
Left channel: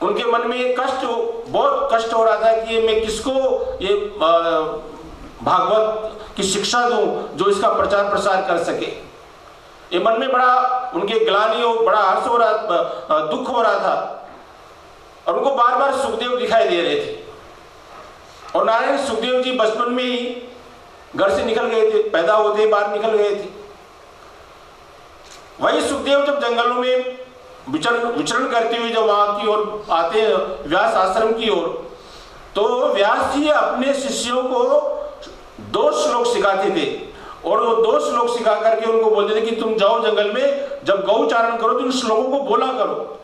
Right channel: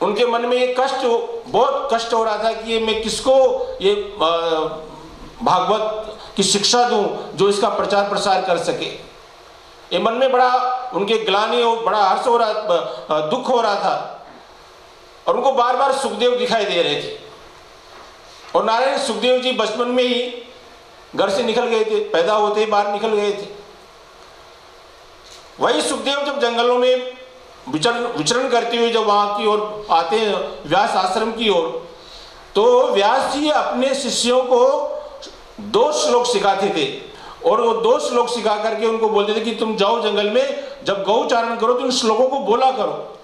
उनके मन में ये कष्ट, बहुत कष्ट हो रहा था कि मैं किसको ये भागवत की शिक्षा दूं जो इसका प्रचार प्रसार कर सके। ये मन में बड़ा उनके ग्लानि और बड़ा हर्ष हो रहा, दुख हो रहा था। और उनको बार बार सुखदेव दिखाई दे रहे थे। और नारायण सुखदेव जी बचपन में ही घर से निकल गए थे, पैदा होते ही बाहर निकल गए थे। वही सुखदेव जब जंगलों में विचरण करते हुए जब वहां की ओर आते हैं, व्यास आश्रम की ओर, तो व्यास जी अपने शिष्यों को 2 श्लोक सिखाते थे। और वो 2 श्लोक सिखा करके उनको बोलते थे कि तुम जाओ जंगल में, जब गौ चारण करो तो उन श्लोकों को बोला करो।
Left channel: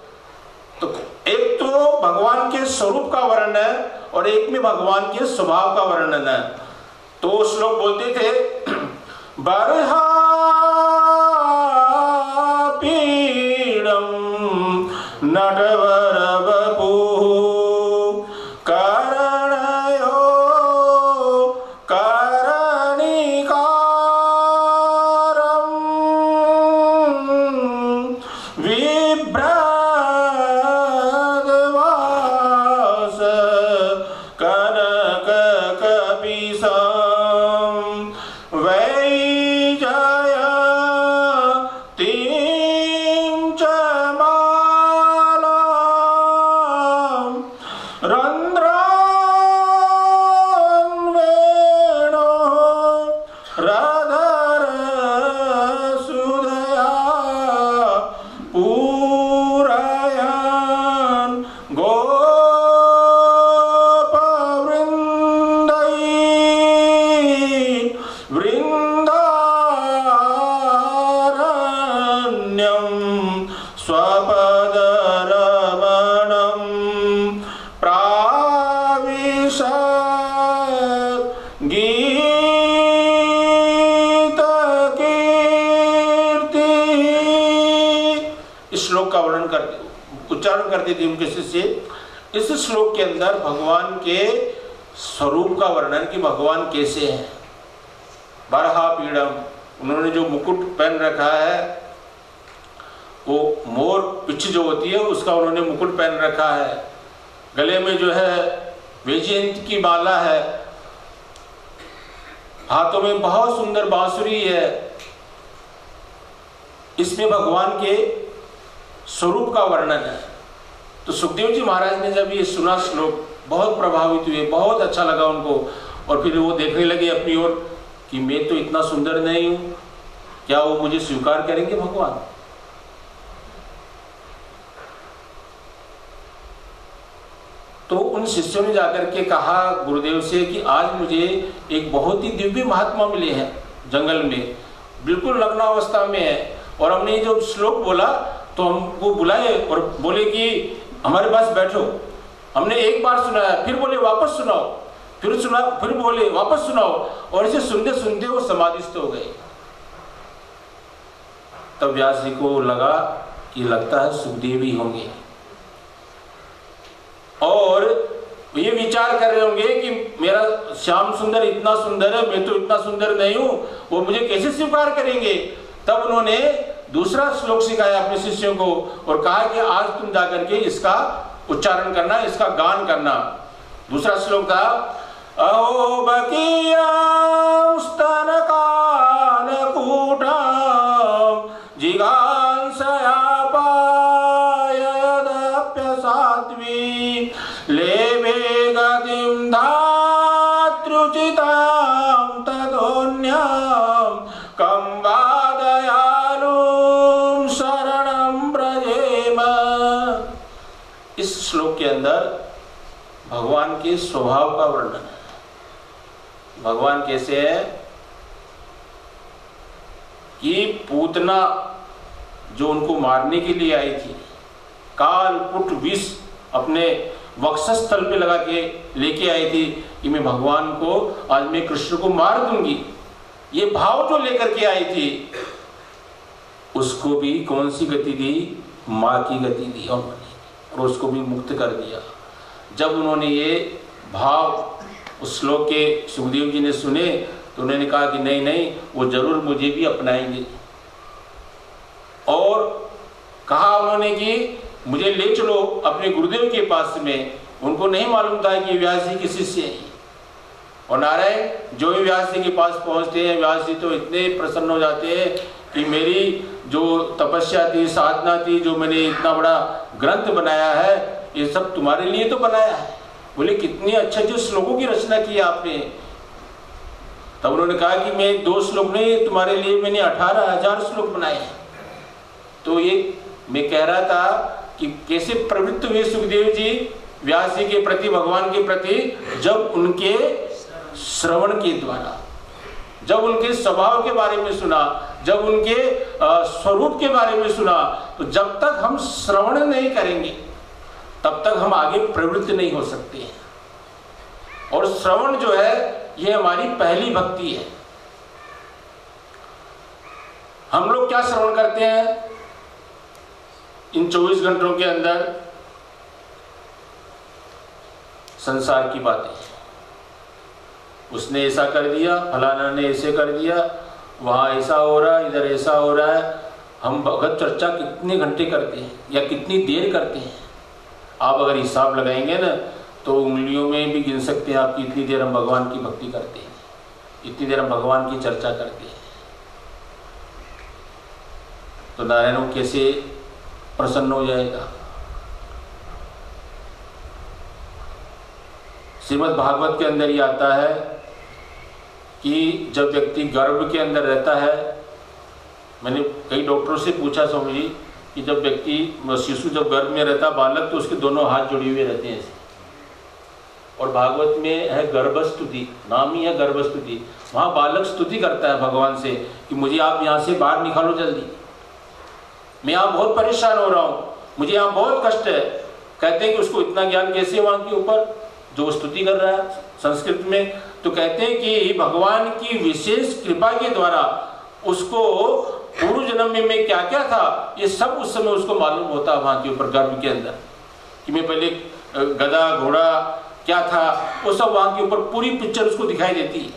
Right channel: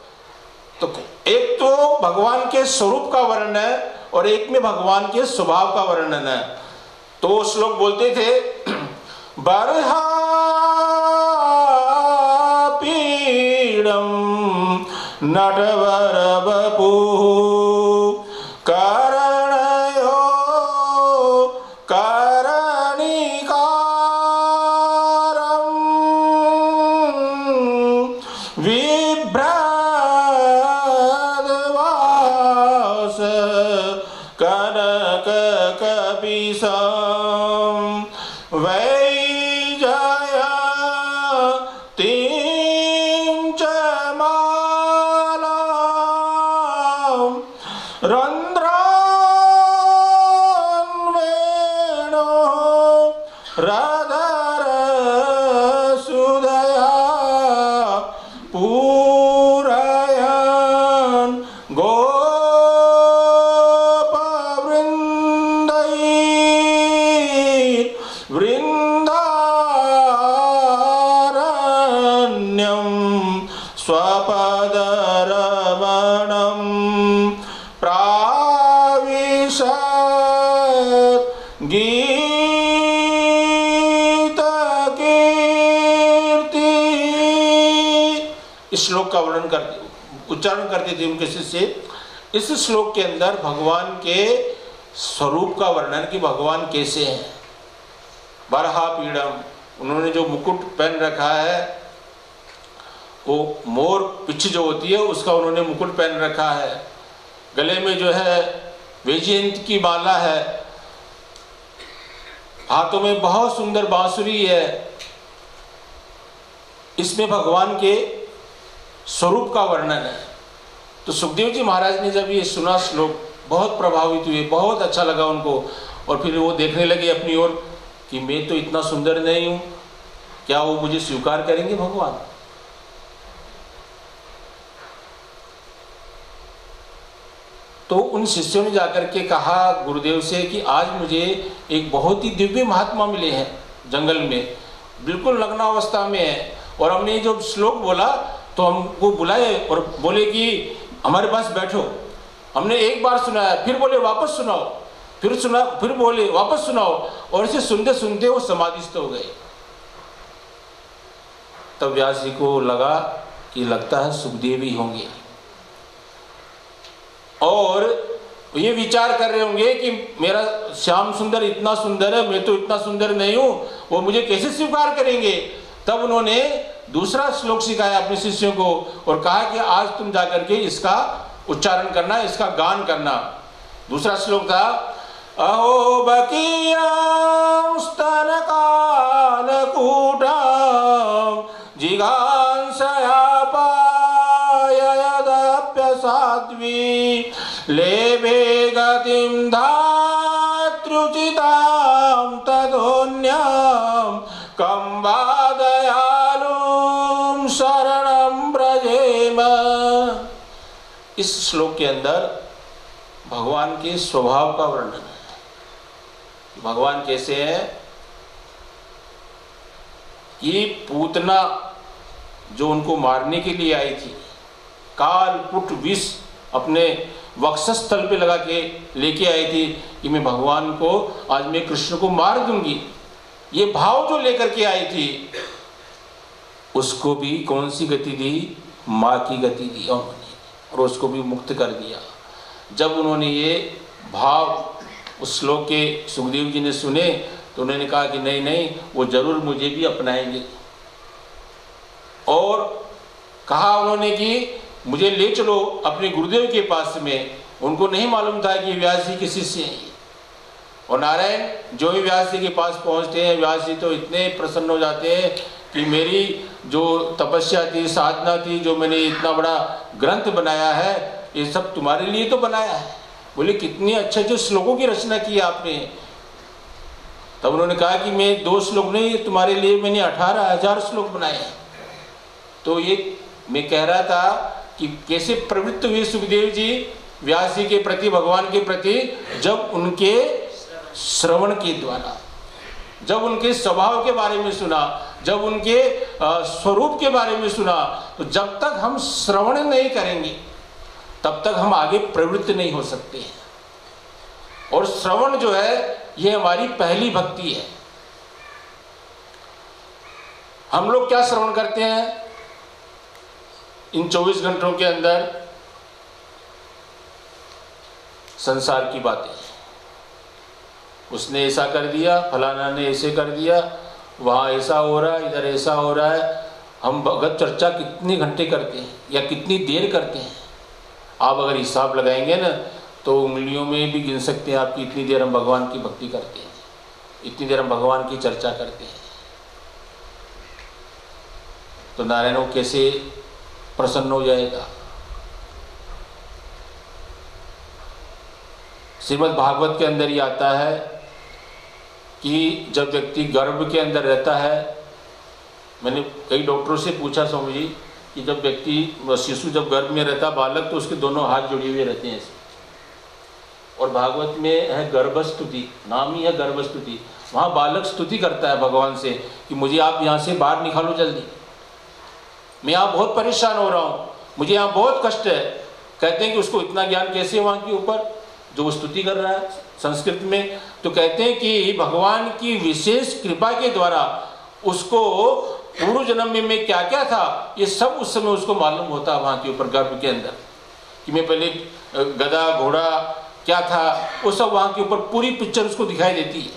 तो एक तो भगवान के स्वरूप का वर्णन है और एक में भगवान के स्वभाव का वर्णन है। तो वो श्लोक बोलते थे, बरहा पीड़म नटवर बपू करणयो विभ्रादवास कनक कपिसं वैजयतीं च मालां रन्ध्रान्वेणो राधारसुधया पूरयन् वृन्दारण्यं स्वपदरमणं प्राविशत् गीतकीर्ति। इस श्लोक का वर्णन करते, उच्चारण करते थे उनके शिष्य। इस श्लोक के अंदर भगवान के स्वरूप का वर्णन कि भगवान कैसे हैं। बरहा पीड़म, उन्होंने जो मुकुट पहन रखा है वो मोर पिछ जो होती है उसका उन्होंने मुकुट पहन रखा है। गले में जो है वैजयंती की माला है, हाथों में बहुत सुंदर बांसुरी है। इसमें भगवान के स्वरूप का वर्णन है। तो सुखदेव जी महाराज ने जब ये सुना श्लोक बहुत प्रभावित हुए, बहुत अच्छा लगा उनको। और फिर वो देखने लगे अपनी ओर कि मैं तो इतना सुंदर नहीं हूं, क्या वो मुझे स्वीकार करेंगे भगवान। तो उन शिष्यों ने जाकर के कहा गुरुदेव से कि आज मुझे एक बहुत ही दिव्य महात्मा मिले हैं जंगल में, बिल्कुल नग्न अवस्था में है। और हमने ये जो श्लोक बोला तो हमको बुलाए और बोले कि हमारे पास बैठो। हमने एक बार सुनाया, फिर बोले वापस सुनाओ, फिर सुना, फिर बोले वापस सुनाओ। और इसे सुनते सुनते वो समाधिस्थ हो गए। तब व्यास जी को लगा कि लगता है सुखदेव ही होंगे। और ये विचार कर रहे होंगे कि मेरा श्याम सुंदर इतना सुंदर है, मैं तो इतना सुंदर नहीं हूं, वो मुझे कैसे स्वीकार करेंगे। तब उन्होंने दूसरा श्लोक सिखाया अपने शिष्यों को और कहा कि आज तुम जाकर के इसका उच्चारण करना, इसका गान करना। दूसरा श्लोक था, अहो बकीयं स्तनकालकूटं जिघांसयापाययदप्यसाध्वी लेभे गतिं धात्रुचितां तदोन्यं कं वा दयालुं शरणं व्रजेम। इस श्लोक के अंदर भगवान के स्वभाव का वर्णन है। भगवान कैसे है कि पूतना जो उनको मारने के लिए आई थी, काल पुट विष अपने वक्षस्थल पे लगा के लेके आई थी कि मैं भगवान को आज मैं कृष्ण को मार दूंगी, ये भाव जो लेकर के आई थी, उसको भी कौन सी गति दी? माँ की गति दी उन्होंने, और उसको भी मुक्त कर दिया। जब उन्होंने ये भाव उस श्लोक के सुखदेव जी ने सुने तो उन्होंने कहा कि नहीं नहीं, वो जरूर मुझे भी अपनाएंगे। और कहा उन्होंने कि मुझे ले चलो अपने गुरुदेव के पास में। उनको नहीं मालूम था कि व्यास जी के शिष्य हैं। और नारायण जो भी व्यास जी के पास पहुंचते हैं, व्यास जी तो इतने प्रसन्न हो जाते हैं कि मेरी जो तपस्या थी, साधना थी, जो मैंने इतना बड़ा ग्रंथ बनाया है, ये सब तुम्हारे लिए तो बनाया है। बोले कितनी अच्छे अच्छे श्लोकों की रचना की आपने। तब उन्होंने कहा कि मैं 2 श्लोक नहीं, तुम्हारे लिए मैंने 18,000 श्लोक बनाए हैं। तो ये मैं कह रहा था कि कैसे प्रवृत्त हुए सुखदेव जी व्यास जी के प्रति, भगवान के प्रति, जब उनके श्रवण के द्वारा, जब उनके स्वभाव के बारे में सुना, जब उनके स्वरूप के बारे में सुना। तो जब तक हम श्रवण नहीं करेंगे तब तक हम आगे प्रवृत्त नहीं हो सकते हैं। और श्रवण जो है ये हमारी पहली भक्ति है। हम लोग क्या श्रवण करते हैं इन 24 घंटों के अंदर? संसार की बातें, उसने ऐसा कर दिया, फलाना ने ऐसे कर दिया, वहाँ ऐसा हो रहा है, इधर ऐसा हो रहा है। हम भगवत चर्चा कितने घंटे करते हैं या कितनी देर करते हैं? आप अगर हिसाब लगाएंगे ना तो उंगलियों में भी गिन सकते हैं आप कि इतनी देर हम भगवान की भक्ति करते हैं, इतनी देर हम भगवान की चर्चा करते हैं। तो नारायण वो कैसे प्रसन्न हो जाएगा? श्रीमद् भागवत के अंदर ही आता है कि जब व्यक्ति गर्भ के अंदर रहता है, मैंने कई डॉक्टरों से पूछा स्वामी जी कि जब व्यक्ति शिशु जब गर्भ में रहता बालक, तो उसके दोनों हाथ जुड़े हुए रहते हैं। और भागवत में है गर्भस्तुति, नाम ही है गर्भस्तुति। वहाँ बालक स्तुति करता है भगवान से कि मुझे आप यहाँ से बाहर निकालो जल्दी, मैं यहाँ बहुत परेशान हो रहा हूँ, मुझे यहाँ बहुत कष्ट है। कहते हैं कि उसको इतना ज्ञान कैसे वहाँ के ऊपर जो स्तुति कर रहा है संस्कृत में? तो कहते हैं कि भगवान की विशेष कृपा के द्वारा उसको पूर्व जन्म में मैं क्या क्या था ये सब उस समय उसको मालूम होता है वहाँ के ऊपर गर्भ के अंदर, कि मैं पहले गधा घोड़ा क्या था, वो सब वहाँ के ऊपर पूरी पिक्चर उसको दिखाई देती है।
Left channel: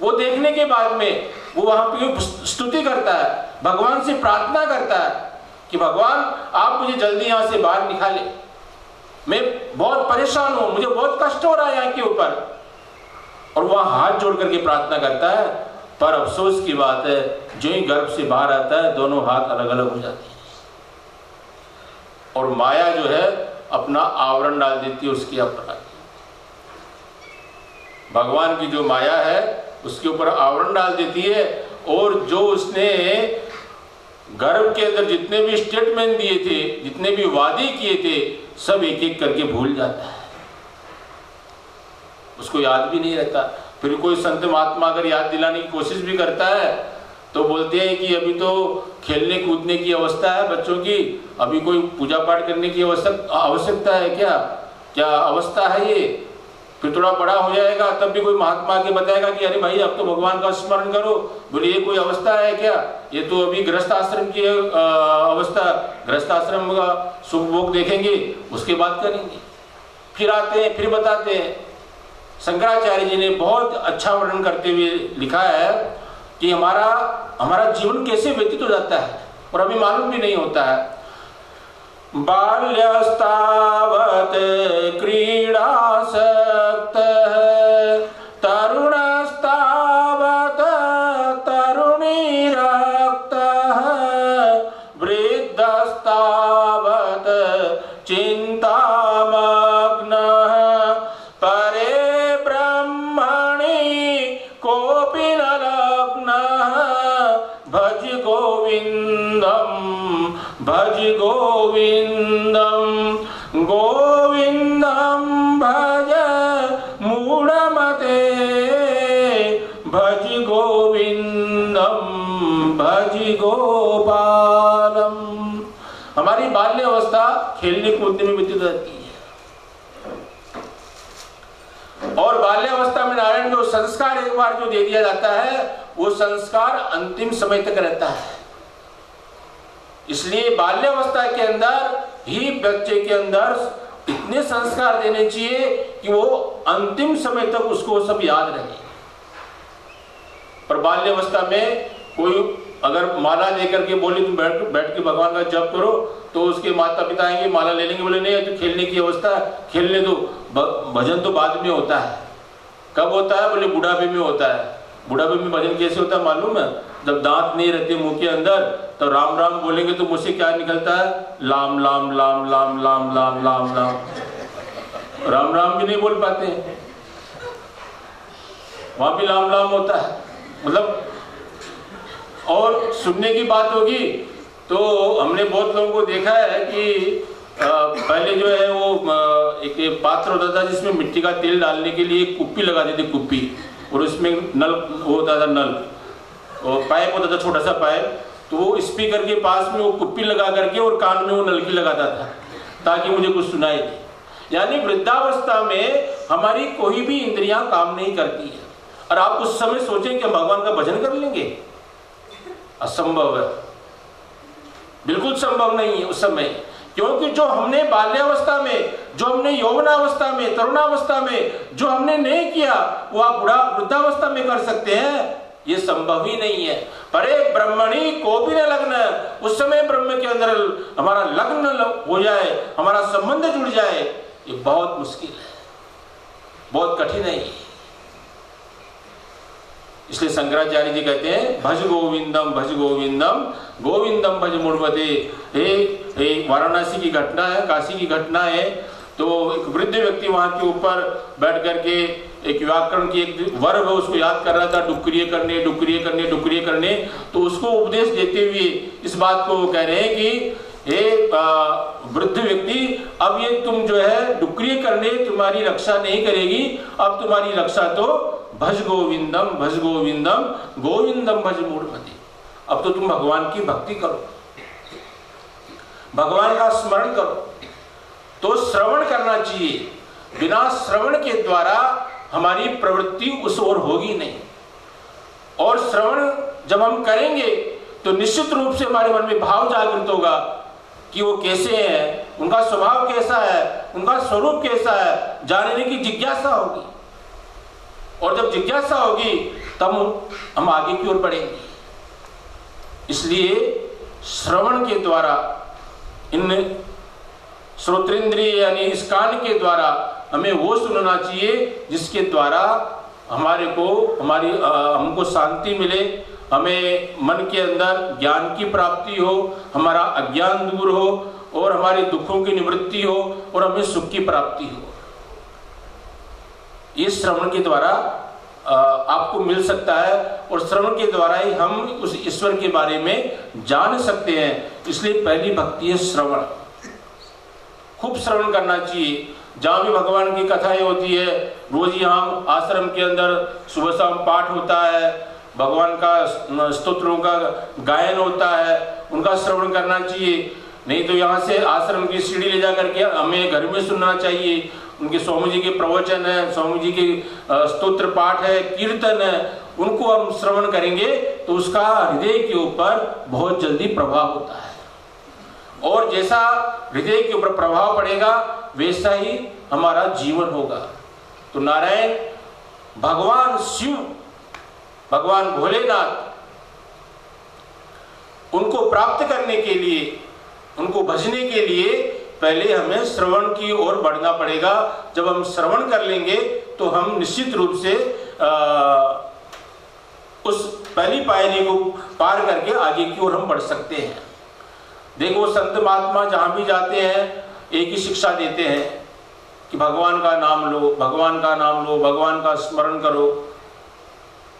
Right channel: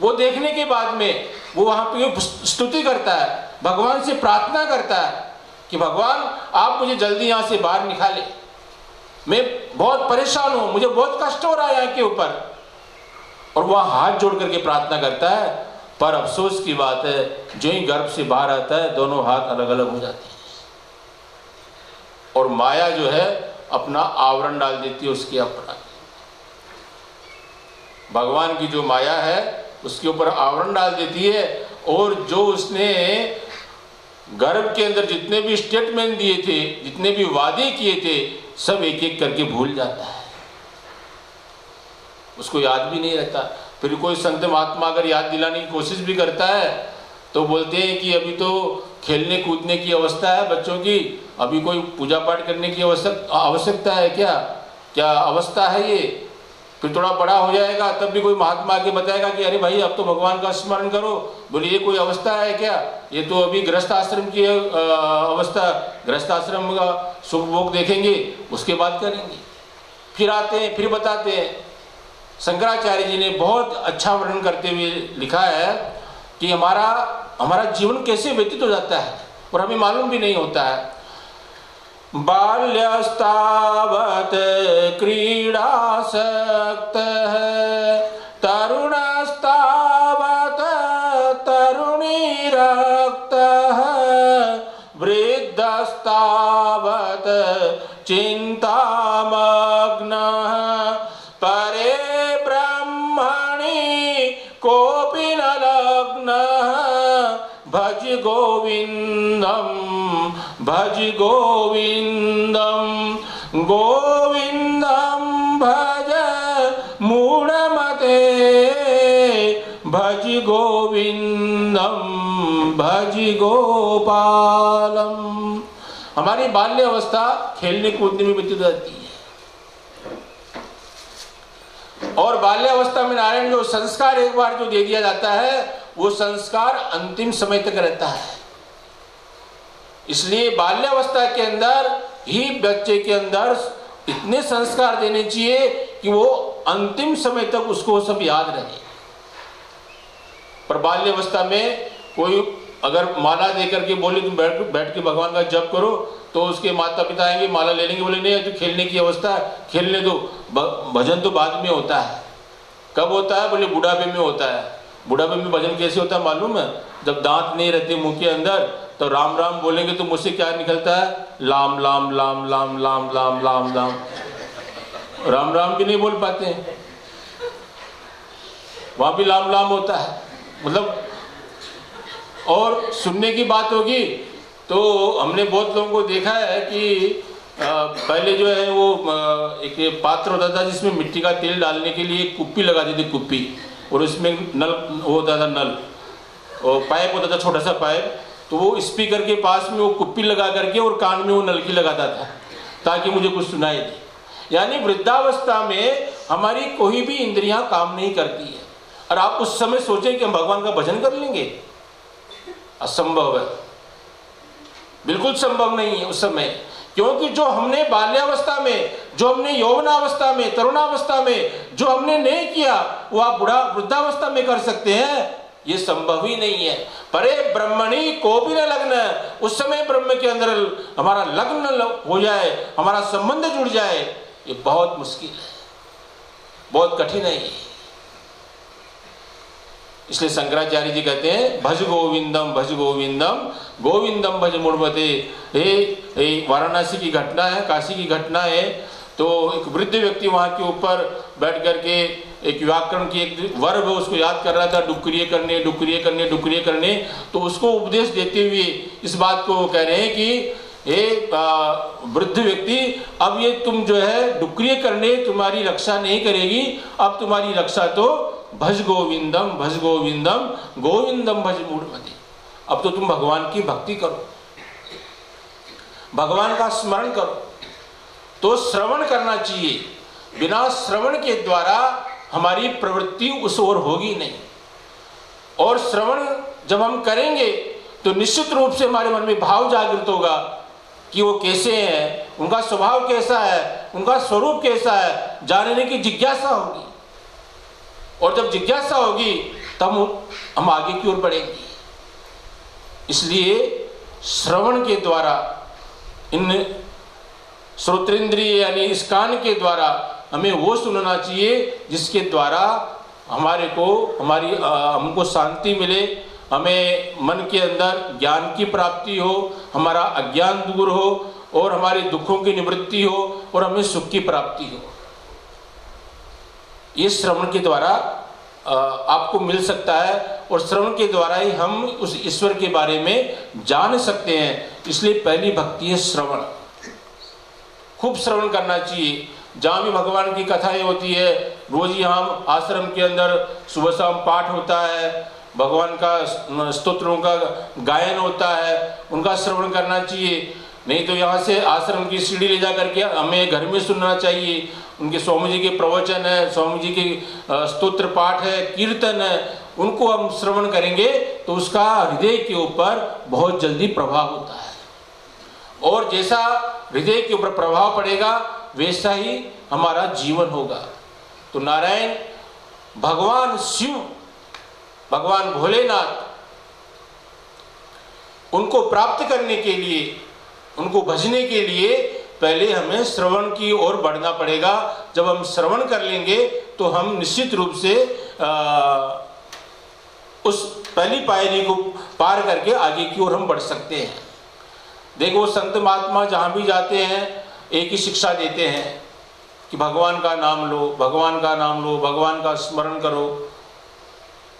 वो देखने के बाद में वो वहाँ पे स्तुति करता है, भगवान से प्रार्थना करता है कि भगवान आप मुझे जल्दी यहाँ से बाहर निकाले, मैं बहुत परेशान हूँ, मुझे बहुत कष्ट हो रहा है यहाँ के ऊपर। और वह हाथ जोड़ करके प्रार्थना करता है, पर अफसोस की बात है जो ही गर्भ से बाहर आता है दोनों हाथ अलग अलग हो जाते हैं और माया जो है अपना आवरण डाल देती है उसके ऊपर। भगवान की जो माया है उसके ऊपर आवरण डाल देती है, और जो उसने गर्भ के अंदर जितने भी स्टेटमेंट दिए थे, जितने भी वादे किए थे, सब एक एक करके भूल जाता है, उसको याद भी नहीं रहता। फिर कोई संत महात्मा अगर याद दिलाने की कोशिश भी करता है तो बोलते हैं कि अभी तो खेलने कूदने की अवस्था है बच्चों की, अभी कोई पूजा पाठ करने की आवश्यकता है क्या? क्या अवस्था है ये? फिर थोड़ा बड़ा हो जाएगा तब भी कोई महात्मा आके बताएगा कि अरे भाई अब तो भगवान का स्मरण करो। बोले ये कोई अवस्था है क्या? ये तो अभी गृहस्थ आश्रम की अवस्था, गृहस्थ आश्रम का सुख भोग देखेंगे उसके बाद करेंगे। फिर आते हैं फिर बताते हैं। शंकराचार्य जी ने बहुत अच्छा वर्णन करते हुए लिखा है कि हमारा जीवन कैसे व्यतीत हो जाता है और हमें मालूम भी नहीं होता है। बाल्यस्तावत क्रीडासक्तः तरुणस्तावत तरुणीरक्तः वृद्धस्तावत चिन्तामग्नः परे ब्रह्मणि कोऽपि न लग्नः भज गोविन्दं भज गोविन्दं गोविन्दं भज मूढ़मते भज गोविन्दं भज गोपालम। हमारी बाल्य अवस्था खेलने कूदने में व्यतीत रहती है, और बाल्यावस्था में नारायण जो संस्कार एक बार जो दे दिया जाता है वो संस्कार अंतिम समय तक रहता है। इसलिए बाल्यावस्था के अंदर ही बच्चे के अंदर इतने संस्कार देने चाहिए कि वो अंतिम समय तक उसको सब याद रहे। पर बाल्यावस्था में कोई अगर माला देकर के बोले तुम बैठ के भगवान का जप करो, तो उसके माता पिता आएंगे माला ले लेंगे, बोले नहीं तो खेलने की अवस्था, खेलने दो, भजन तो बाद में होता है। कब होता है? बोले बुढ़ापे में होता है। बुढ़ापे में भजन कैसे होता है मालूम है? जब दांत नहीं रहते मुंह के अंदर तो राम राम बोलेंगे तो मुझसे क्या निकलता है? लाम लाम लाम लाम लाम लाम लाम लाम। राम राम भी नहीं बोल पाते हैं, वहां भी लाम लाम होता है। मतलब और सुनने की बात होगी तो हमने बहुत लोगों को देखा है कि पहले जो है वो एक पात्र होता था जिसमें मिट्टी का तेल डालने के लिए एक कुप्पी लगा दी थी, कुप्पी, और उसमें नल होता था, नल और पाइप होता था, छोटा सा पाइप, तो वो स्पीकर के पास में वो कुप्पी लगा करके और कान में वो नलकी लगाता था ताकि मुझे कुछ सुनाई दे। यानी वृद्धावस्था में हमारी कोई भी इंद्रियां काम नहीं करती है। और आप उस समय सोचें कि हम भगवान का भजन कर लेंगे, असंभव है, बिल्कुल संभव नहीं है उस समय। क्योंकि जो हमने बाल्यावस्था में, जो हमने यौवनावस्था में, तरुणावस्था में जो हमने नहीं किया वो आप वृद्धावस्था में कर सकते हैं? ये संभव ही नहीं है। परे ब्रह्मणी को भी न लग्न, उस समय ब्रह्म के अंदर हमारा लग्न हो जाए, हमारा संबंध जुड़ जाए, ये बहुत मुश्किल है, बहुत कठिन है। इसलिए शंकराचार्य जी कहते हैं भज गोविंदम भज गोविंदम गोविंदम भज मूढ़मते। ये वाराणसी की घटना है, काशी की घटना है। तो एक वृद्ध व्यक्ति वहां के ऊपर बैठ करके एक व्याकरण की एक वर्ब है उसको याद कर रहा था, डुक्रिय करने डुक्रिय करने डुक्रिय करने। तो उसको उपदेश देते हुए इस बात को कह रहे हैं कि एक वृद्ध व्यक्ति, अब ये तुम जो है डुक्रिय करने तुम्हारी रक्षा नहीं करेगी, अब तुम्हारी रक्षा तो भज गोविंदम गोविंदम भज मूढ़मते। अब तो तुम भगवान की भक्ति करो, भगवान का स्मरण करो। तो श्रवण करना चाहिए, बिना श्रवण के द्वारा हमारी प्रवृत्ति उस ओर होगी नहीं। और श्रवण जब हम करेंगे तो निश्चित रूप से हमारे मन में भाव जागृत होगा कि वो कैसे हैं, उनका स्वभाव कैसा है, उनका स्वरूप कैसा है, जानने की जिज्ञासा होगी। और जब जिज्ञासा होगी तब हम आगे की ओर बढ़ेंगे। इसलिए श्रवण के द्वारा, इन श्रोत्रेंद्रिय यानी इस कान के द्वारा हमें वो सुनना चाहिए जिसके द्वारा हमारे को हमको शांति मिले, हमें मन के अंदर ज्ञान की प्राप्ति हो, हमारा अज्ञान दूर हो और हमारे दुखों की निवृत्ति हो और हमें सुख की प्राप्ति हो। इस श्रवण के द्वारा आपको मिल सकता है और श्रवण के द्वारा ही हम उस ईश्वर के बारे में जान सकते हैं। इसलिए पहली भक्ति है श्रवण। खूब श्रवण करना चाहिए। जहाँ भी भगवान की कथाएं होती है, रोज यहाँ आश्रम के अंदर सुबह शाम पाठ होता है, भगवान का स्तोत्रों का गायन होता है, उनका श्रवण करना चाहिए। नहीं तो यहाँ से आश्रम की सीढ़ी ले जा करके हमें घर में सुनना चाहिए। उनके स्वामी जी के प्रवचन है, स्वामी जी के स्तोत्र पाठ है, कीर्तन है, उनको हम श्रवण करेंगे तो उसका हृदय के ऊपर बहुत जल्दी प्रभाव होता है। और जैसा हृदय के ऊपर प्रभाव पड़ेगा वैसा ही हमारा जीवन होगा। तो नारायण भगवान शिव, भगवान भोलेनाथ, उनको प्राप्त करने के लिए, उनको भजने के लिए पहले हमें श्रवण की ओर बढ़ना पड़ेगा। जब हम श्रवण कर लेंगे तो हम निश्चित रूप से उस पहली पायरी को पार करके आगे की ओर हम बढ़ सकते हैं। देखो संत महात्मा जहाँ भी जाते हैं एक ही शिक्षा देते हैं कि भगवान का नाम लो, भगवान का नाम लो, भगवान का स्मरण करो,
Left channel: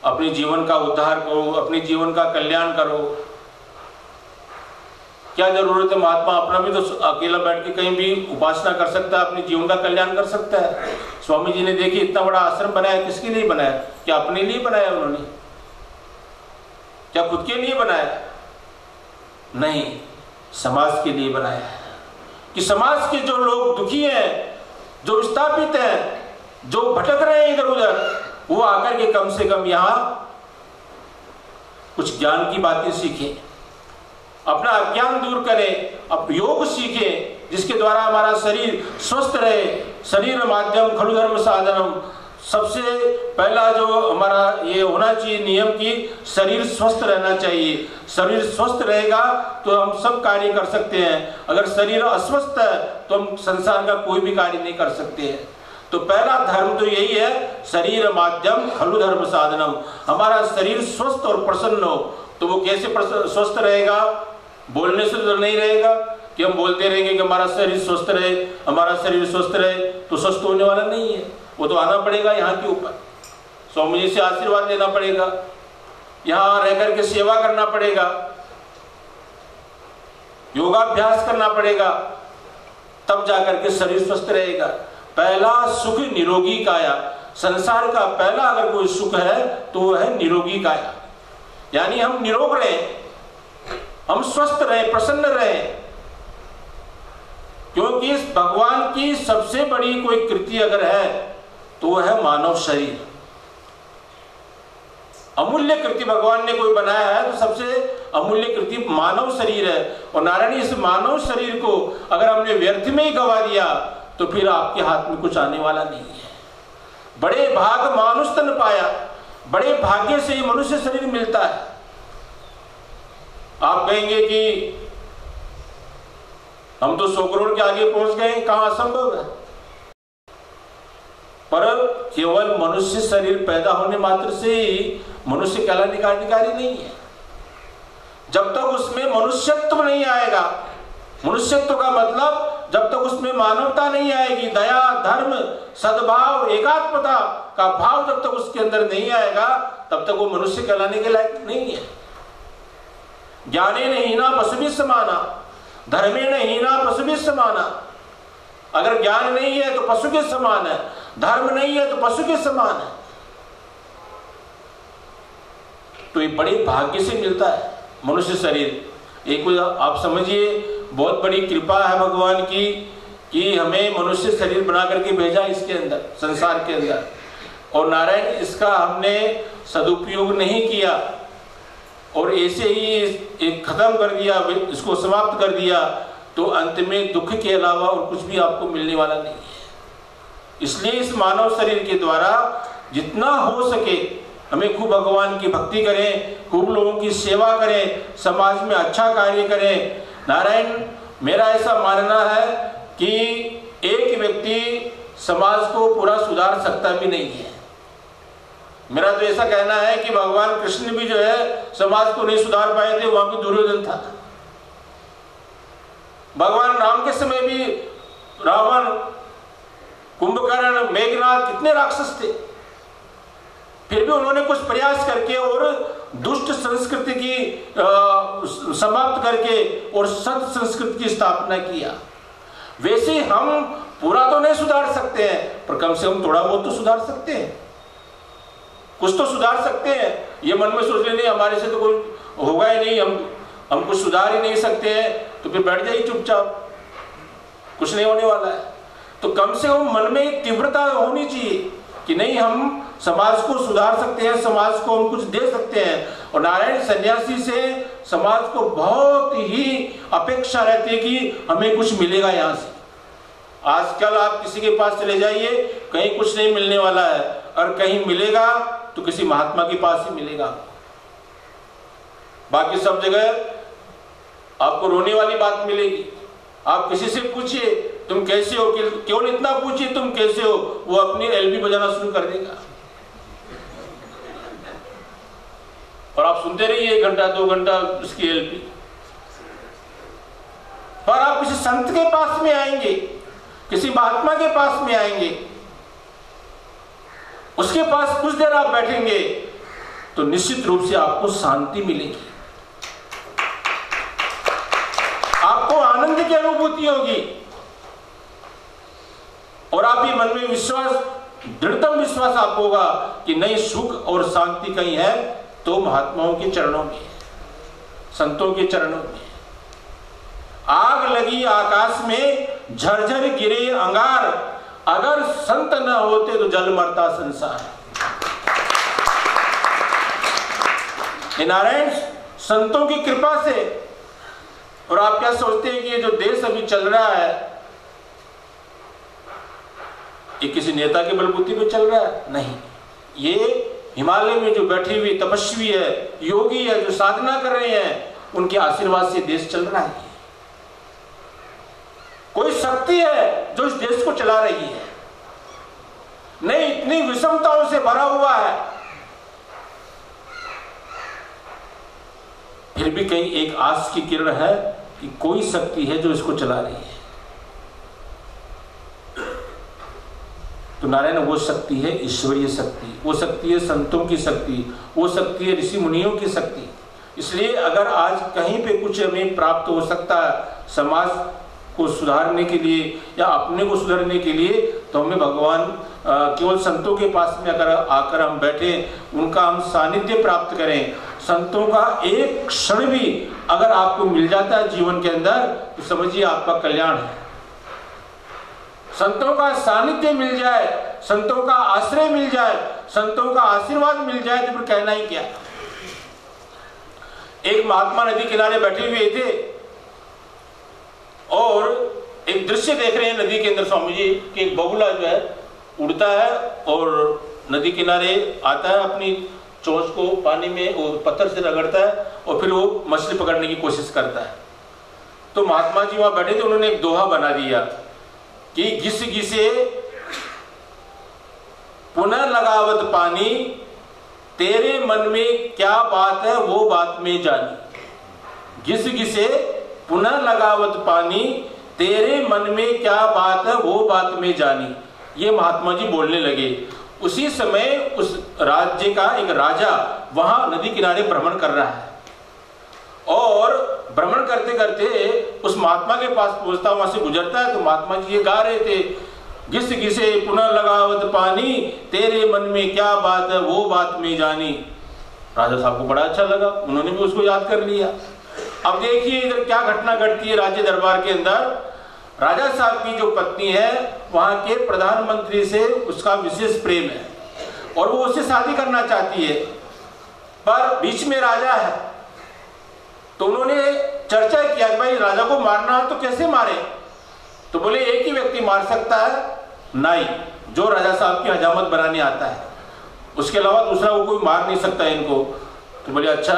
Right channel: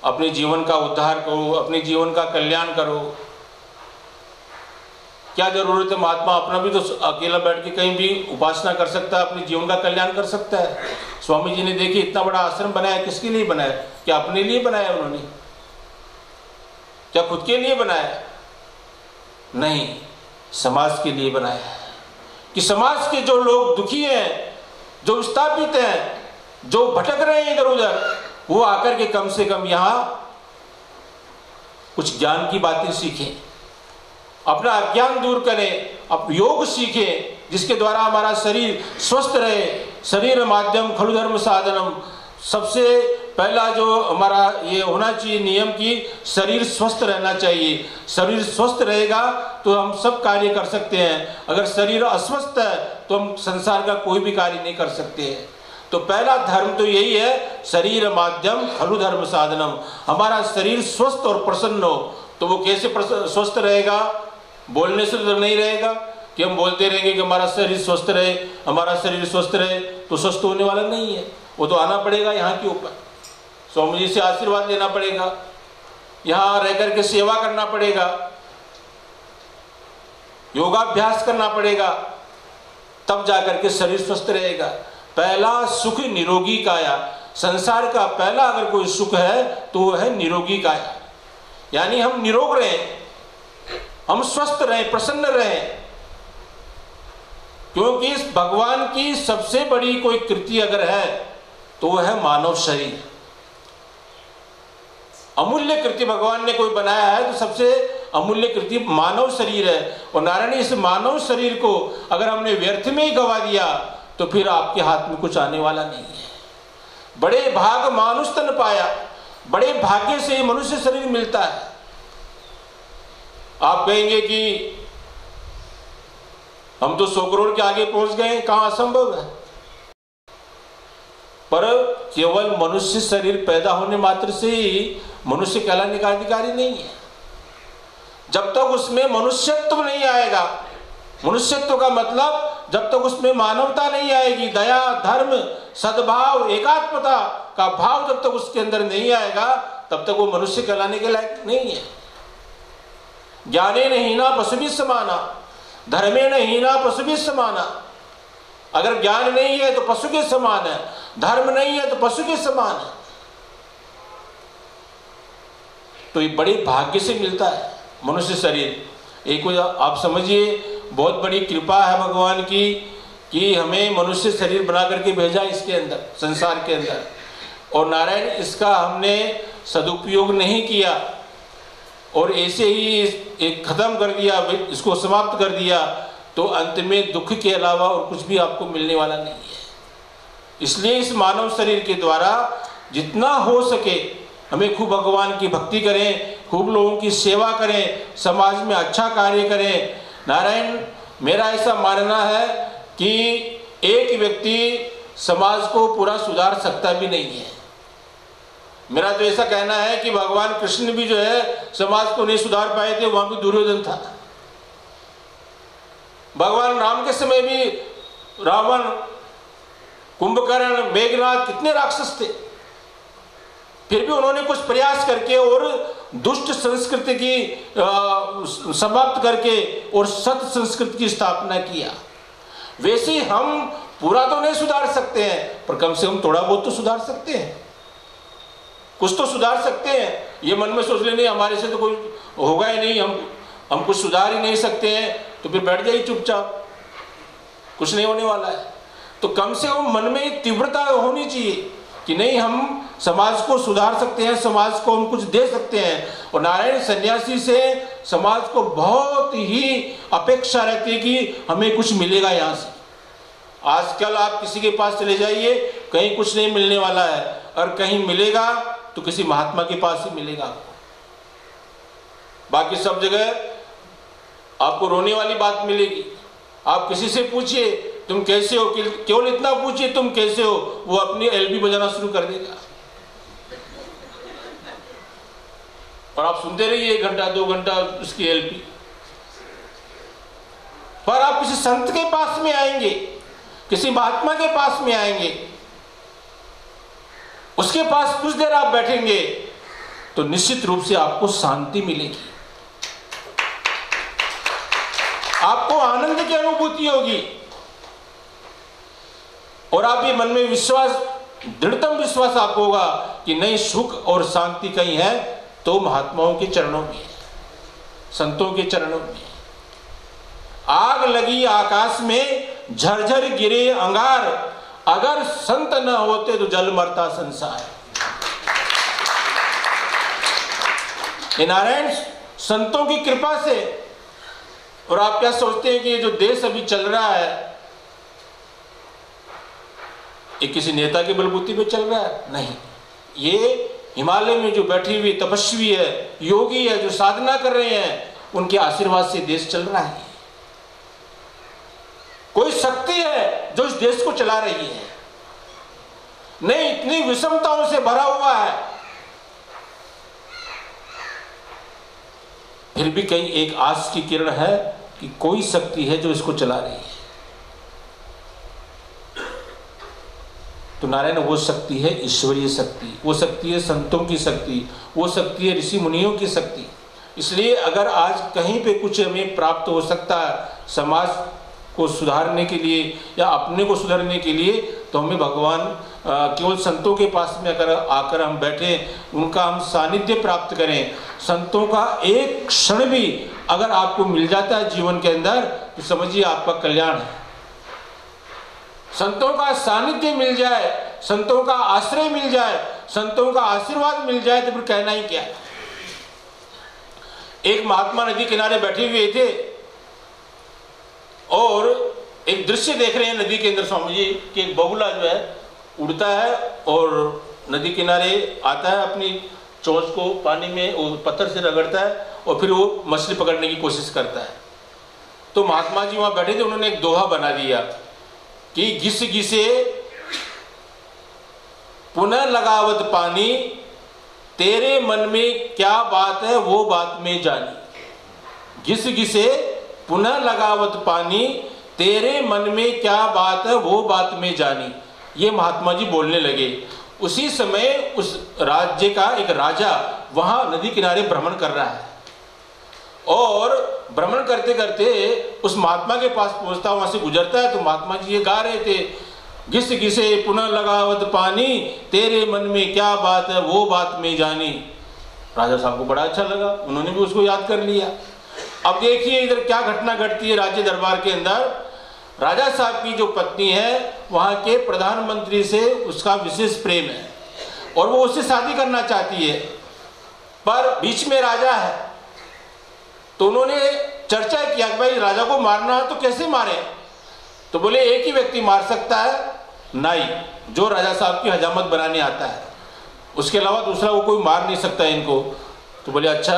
अपने जीवन का उद्धार करो, अपने जीवन का कल्याण करो। क्या जरूरत है? महात्मा अपना भी तो अकेला बैठ के कहीं भी उपासना कर सकता है, अपने जीवन का कल्याण कर सकता है। स्वामी जी ने देखिए इतना बड़ा आश्रम बनाया, किसके लिए बनाया? क्या अपने लिए बनाया उन्होंने? क्या खुद के लिए बनाया? नहीं, समाज के लिए बनाया। कि समाज के जो लोग दुखी हैं, जो विस्थापित हैं, जो भटक रहे हैं इधर उधर, वो आकर के कम से कम यहाँ कुछ ज्ञान की बातें सीखें, अपना अज्ञान दूर करें, अब योग सीखें जिसके द्वारा हमारा शरीर स्वस्थ रहे। शरीर माध्यम खलु धर्म साधनम, सबसे पहला जो हमारा ये होना चाहिए नियम कि शरीर स्वस्थ रहना चाहिए। शरीर स्वस्थ रहेगा तो हम सब कार्य कर सकते हैं, अगर शरीर अस्वस्थ है तो हम संसार का कोई भी कार्य नहीं कर सकते हैं। तो पहला धर्म तो यही है, शरीर माध्यम खलु धर्म साधनम, हमारा शरीर स्वस्थ और प्रसन्न हो। तो वो कैसे स्वस्थ रहेगा? बोलने से तो नहीं रहेगा कि हम बोलते रहेंगे कि हमारा शरीर स्वस्थ रहे, हमारा शरीर स्वस्थ रहे, तो स्वस्थ होने वाला नहीं है। वो तो आना पड़ेगा यहाँ के ऊपर, स्वामी जी से आशीर्वाद लेना पड़ेगा, यहाँ रह करके सेवा करना पड़ेगा, योगाभ्यास करना पड़ेगा, तब जाकर के शरीर स्वस्थ रहेगा। पहला सुख निरोगी काया, संसार का पहला अगर कोई सुख है तो वो है निरोगी काया, यानी हम निरोग रहें, हम स्वस्थ रहें, प्रसन्न रहें। क्योंकि इस भगवान की सबसे बड़ी कोई कृति अगर है तो वह है मानव शरीर। अमूल्य कृति भगवान ने कोई बनाया है तो सबसे अमूल्य कृति मानव शरीर है। और नारायण इस मानव शरीर को अगर हमने व्यर्थ में ही गवा दिया तो फिर आपके हाथ में कुछ आने वाला नहीं है। बड़े भाग मानुष तन पाया, बड़े भाग्य से ये मनुष्य शरीर मिलता है। आप कहेंगे कि हम तो 100 करोड़ के आगे पहुंच गए, कहां असंभव है। पर केवल मनुष्य शरीर पैदा होने मात्र से ही मनुष्य कहलाने का अधिकारी नहीं है। जब तक उसमें मनुष्यत्व नहीं आएगा, मनुष्यत्व का मतलब जब तक उसमें मानवता नहीं आएगी, दया, धर्म, सद्भाव, एकात्मता का भाव जब तक उसके अंदर नहीं आएगा, तब तक वो मनुष्य कहलाने के लायक नहीं है। ज्ञाने न हीना पशुभिः समाना, धर्मे न हीना पशुभिः समाना। अगर ज्ञान नहीं है तो पशु के समान है, धर्म नहीं है तो पशु के समान है। तो ये बड़े भाग्य से मिलता है मनुष्य शरीर। एक आप समझिए, बहुत बड़ी कृपा है भगवान की कि हमें मनुष्य शरीर बना करके भेजा इसके अंदर, संसार के अंदर। और नारायण इसका हमने सदुपयोग नहीं किया और ऐसे ही एक खत्म कर दिया, इसको समाप्त कर दिया, तो अंत में दुख के अलावा और कुछ भी आपको मिलने वाला नहीं है। इसलिए इस मानव शरीर के द्वारा जितना हो सके हमें खूब भगवान की भक्ति करें, खूब लोगों की सेवा करें, समाज में अच्छा कार्य करें। नारायण मेरा ऐसा मानना है कि एक व्यक्ति समाज को पूरा सुधार सकता भी नहीं है। मेरा तो ऐसा कहना है कि भगवान कृष्ण भी जो है समाज को नहीं सुधार पाए थे, वहां भी दुर्योधन था। भगवान राम के समय भी रावण, कुंभकर्ण, मेघनाथ कितने राक्षस थे, फिर भी उन्होंने कुछ प्रयास करके और दुष्ट संस्कृति की समाप्त करके और सत संस्कृति की स्थापना किया। वैसे हम पूरा तो नहीं सुधार सकते हैं, पर कम से कम थोड़ा बहुत तो सुधार सकते हैं, कुछ तो सुधार सकते हैं। ये मन में सोच लेने हमारे से तो कोई होगा ही नहीं, हम कुछ सुधार ही नहीं सकते हैं, तो फिर बैठ जाइए चुपचाप, कुछ नहीं होने वाला है। तो कम से कम मन में तीव्रता होनी चाहिए कि नहीं, हम समाज को सुधार सकते हैं, समाज को हम कुछ दे सकते हैं। और नारायण सन्यासी से समाज को बहुत ही अपेक्षा रहती है कि हमें कुछ मिलेगा यहाँ से। आजकल आप किसी के पास चले जाइए, कहीं कुछ नहीं मिलने वाला है, और कहीं मिलेगा तो किसी महात्मा के पास ही मिलेगा। बाकी सब जगह आपको रोने वाली बात मिलेगी। आप किसी से पूछिए तुम कैसे हो, केवल इतना पूछिए तुम कैसे हो, वो अपनी एलबी बजाना शुरू कर देगा और आप सुनते रहिए 1 घंटा 2 घंटा उसकी एलबी। पर आप किसी संत के पास में आएंगे, किसी महात्मा के पास में आएंगे, उसके पास कुछ देर आप बैठेंगे तो निश्चित रूप से आपको शांति मिलेगी, आपको आनंद की अनुभूति होगी और आप ये मन में विश्वास, दृढ़तम विश्वास आपको होगा कि नहीं, सुख और शांति कहीं है तो महात्माओं के चरणों में, संतों के चरणों में। आग लगी आकाश में, झरझर गिरे अंगार, अगर संत न होते तो जल मरता संसार। ये नारायण संतों की कृपा से। और आप क्या सोचते हैं कि ये जो देश अभी चल रहा है ये किसी नेता के बलबूते पे चल रहा है? नहीं, ये हिमालय में जो बैठी हुई तपस्वी है, योगी है, जो साधना कर रहे हैं, उनके आशीर्वाद से देश चल रहा है। कोई शक्ति है जो इस देश को चला रही है। नहीं, इतनी विषमताओं से भरा हुआ है, फिर भी कहीं एक आस की किरण है कि कोई शक्ति है जो इसको चला रही है। तो नारायण वो शक्ति है ईश्वरीय शक्ति, वो शक्ति है संतों की शक्ति, वो शक्ति है ऋषि मुनियों की शक्ति। इसलिए अगर आज कहीं पे कुछ हमें प्राप्त हो सकता है समाज को सुधारने के लिए या अपने को सुधारने के लिए, तो हमें भगवान केवल संतों के पास में अगर आकर हम बैठे, उनका हम सानिध्य प्राप्त करें, संतों का एक क्षण भी अगर आपको मिल जाता है जीवन के अंदर, तो समझिए आपका कल्याण है। संतों का सानिध्य मिल जाए, संतों का आश्रय मिल जाए, संतों का आशीर्वाद मिल जाए, तो फिर कहना ही क्या। एक महात्मा नदी किनारे बैठे हुए थे और एक दृश्य देख रहे हैं नदी के अंदर स्वामी जी कि एक बगुला जो है उड़ता है और नदी किनारे आता है, अपनी चोंच को पानी में वो पत्थर से रगड़ता है और फिर वो मछली पकड़ने की कोशिश करता है। तो महात्मा जी वहां बैठे थे, उन्होंने एक दोहा बना दिया कि घिस घिसे पुनः लगावत पानी, तेरे मन में क्या बात है वो बात में जानी। घिस घिसे पुनः लगावत पानी, तेरे मन में क्या बात है वो बात में जानी। ये महात्मा जी बोलने लगे। उसी समय उस राज्य का एक राजा वहां नदी किनारे भ्रमण कर रहा है और भ्रमण करते करते उस महात्मा के पास पहुंचता, वहां से गुजरता है। तो महात्मा जी ये गा रहे थे, घिस घिसे पुनः लगावत पानी, तेरे मन में क्या बात है वो बात में जानी। राजा साहब को बड़ा अच्छा लगा, उन्होंने भी उसको याद कर लिया। अब देखिए इधर क्या घटना घटती है राज्य दरबार के अंदर। राजा साहब की जो पत्नी है वहां के प्रधानमंत्री से उसका विशेष प्रेम है और वो उससे शादी करना चाहती है, पर बीच में राजा है। तो उन्होंने चर्चा किया कि भाई राजा को मारना है तो कैसे मारे। तो बोले एक ही व्यक्ति मार सकता है, नाई, जो राजा साहब की हजामत बनाने आता है, उसके अलावा दूसरा वो कोई मार नहीं सकता इनको। तो बोले अच्छा।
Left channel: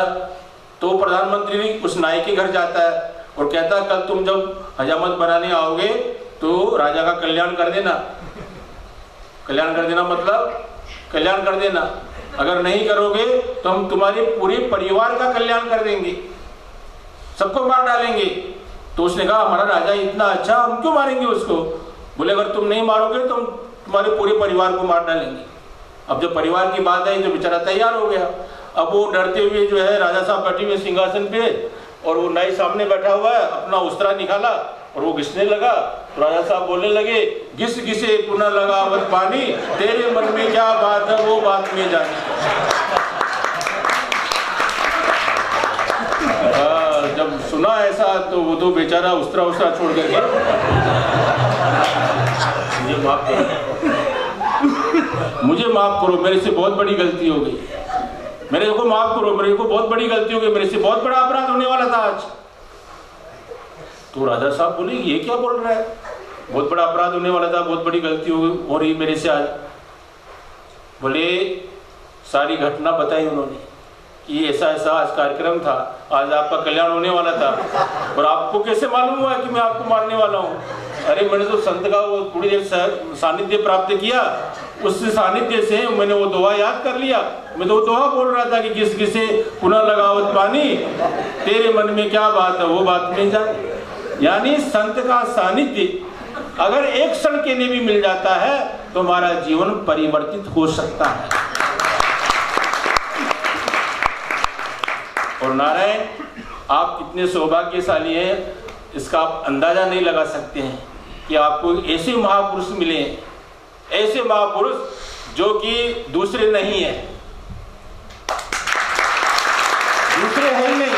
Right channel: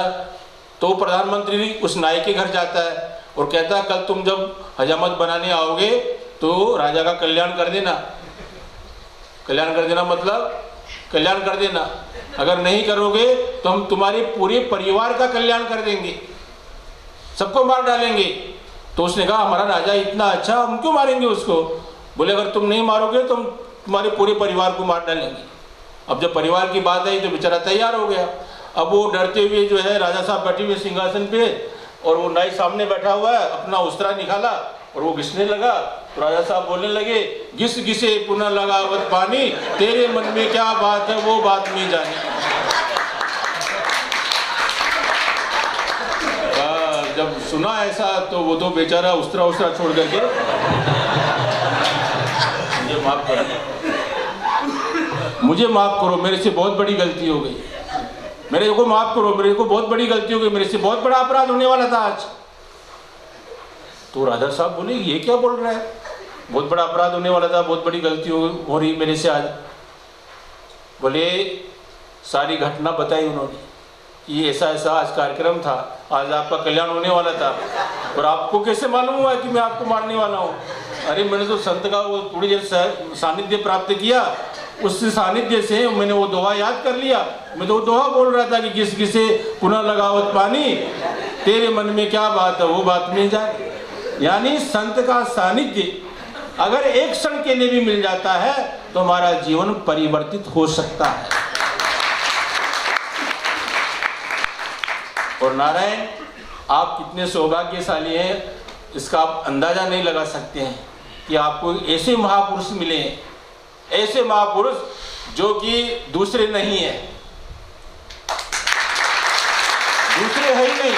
तो प्रधानमंत्री उस नाई के घर जाता है और कहता है कल तुम जब हजामत बनाने आओगे तो राजा का कल्याण कर देना। कल्याण कर देना मतलब कल्याण कर देना, अगर नहीं करोगे तो हम तुम्हारे पूरे परिवार का कल्याण कर देंगे, सबको मार डालेंगे। तो उसने कहा हमारा राजा इतना अच्छा, हम क्यों मारेंगे उसको। बोले अगर तुम नहीं मारोगे तो हम तुम्हारे पूरे परिवार को मार डालेंगे। अब जब परिवार की बात आई तो बेचारा तैयार हो गया। अब वो डरते हुए जो है राजा साहब बैठे हुए सिंहासन पे और वो नाई सामने बैठा हुआ है, अपना उस्तरा निकाला और वो घिसने लगा। तो राजा साहब बोलने लगे, घिस घिसे पुनः लगावत पानी, तेरे मन में क्या बात है वो बात में जानी। जब सुना ऐसा तो वो तो बेचारा उस्तरा छोड़ करके मुझे माफ करो, मेरे से बहुत बड़ी गलती हो गई, मेरे को माफ करो, मेरे को बहुत बड़ी गलती हो गई, मेरे से बहुत बड़ा अपराध होने वाला था आज। तो राजा साहब बोले ये क्या बोल रहा है, बहुत बड़ा अपराध होने वाला था, बहुत बड़ी गलती हो रही मेरे से आज। बोले सारी घटना बताई उन्होंने कि ऐसा ऐसा आज कार्यक्रम था, आज आपका कल्याण होने वाला था, और आपको कैसे मालूम हुआ कि मैं आपको मारने वाला हूँ। अरे मैंने तो संत का वो थोड़ी देर सानिध्य प्राप्त किया, उस सानिध्य से मैंने वो दोहा याद कर लिया। मैं तो वो दोहा बोल रहा था कि घिस घिसे पुनः लगावत पानी, तेरे मन में क्या बात है वो बात में जाए। यानी संत का सानिध्य अगर एक क्षण के लिए भी मिल जाता है तो हमारा जीवन परिवर्तित हो सकता है। और नारायण आप कितने सौभाग्यशाली हैं, इसका आप अंदाजा नहीं लगा सकते हैं कि आपको ऐसे महापुरुष मिले, ऐसे महापुरुष जो कि दूसरे नहीं है, दूसरे है ही नहीं।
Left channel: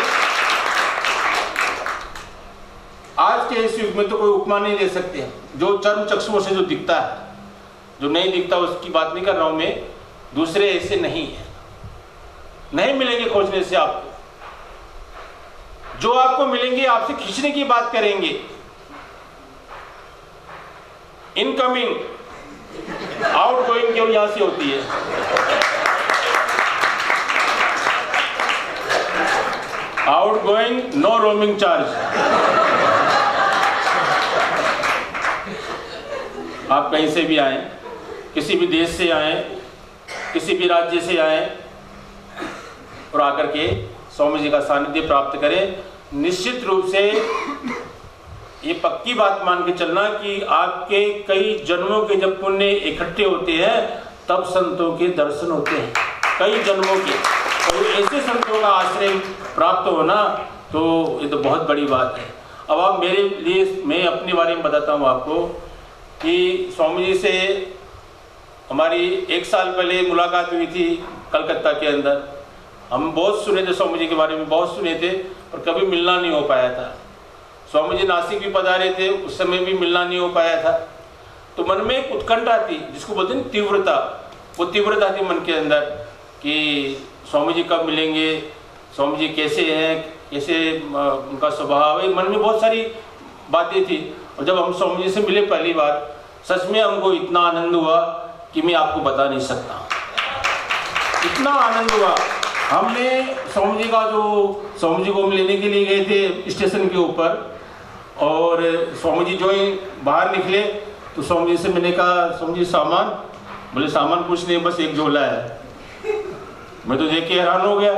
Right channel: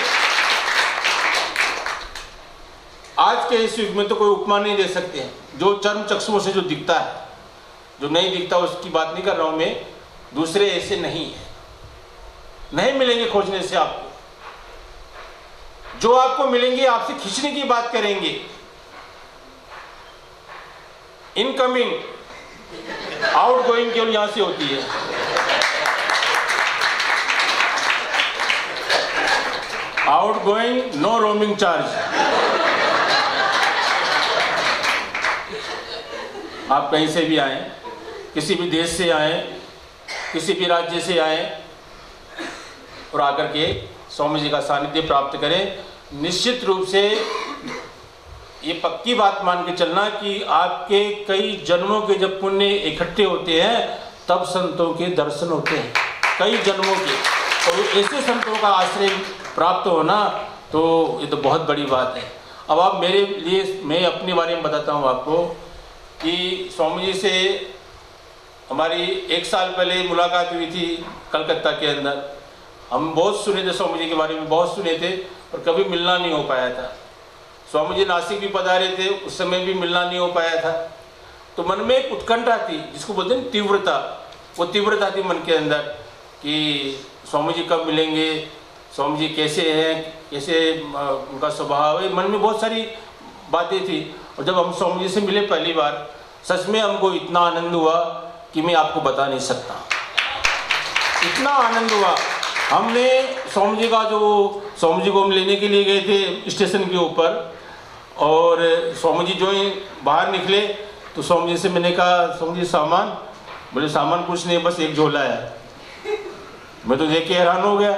आज के इस युग में तो कोई उपमा नहीं दे सकते हैं, जो चर्म चक्षुओं से जो दिखता है जो नहीं दिखता उसकी बात नहीं कर रहा हूं मैं, दूसरे ऐसे नहीं है, नहीं मिलेंगे खोजने से आपको। जो आपको मिलेंगे आपसे खींचने की बात करेंगे। इनकमिंग आउटगोइंग केवल यहां से होती है। Outgoing no roaming charge. आप कहीं से भी आए, किसी भी देश से आए, किसी भी राज्य से आए और आकर के स्वामी जी का सानिध्य प्राप्त करें, निश्चित रूप से ये पक्की बात मान के चलना कि आपके कई जन्मों के जब पुण्य इकट्ठे होते हैं तब संतों के दर्शन होते हैं, कई जन्मों के। और ऐसे संतों का आश्रय प्राप्त होना तो ये तो बहुत बड़ी बात है। अब आप मेरे लिए, मैं अपने बारे में बताता हूँ आपको कि स्वामी जी से हमारी 1 साल पहले मुलाकात हुई थी कलकत्ता के अंदर। हम बहुत सुने थे स्वामी जी के बारे में, बहुत सुने थे और कभी मिलना नहीं हो पाया था। स्वामी जी नासिक भी पधारे थे, उस समय भी मिलना नहीं हो पाया था। तो मन में एक उत्कंठा थी, जिसको बोलते हैं तीव्रता, वो तीव्रता थी मन के अंदर कि स्वामी जी कब मिलेंगे, स्वामी जी कैसे हैं, कैसे उनका स्वभाव है। मन में बहुत सारी बातें थी। और जब हम स्वामी जी से मिले पहली बार, सच में हमको इतना आनंद हुआ कि मैं आपको बता नहीं सकता। इतना आनंद हुआ। हमने स्वामी जी का जो, स्वामी जी को हम लेने के लिए गए थे स्टेशन के ऊपर, और स्वामी जी जो ही बाहर निकले तो स्वामी जी से मैंने कहा, स्वामी जी सामान? बोले सामान कुछ नहीं, बस एक झोला है। मैं तो देख के हैरान हो गया।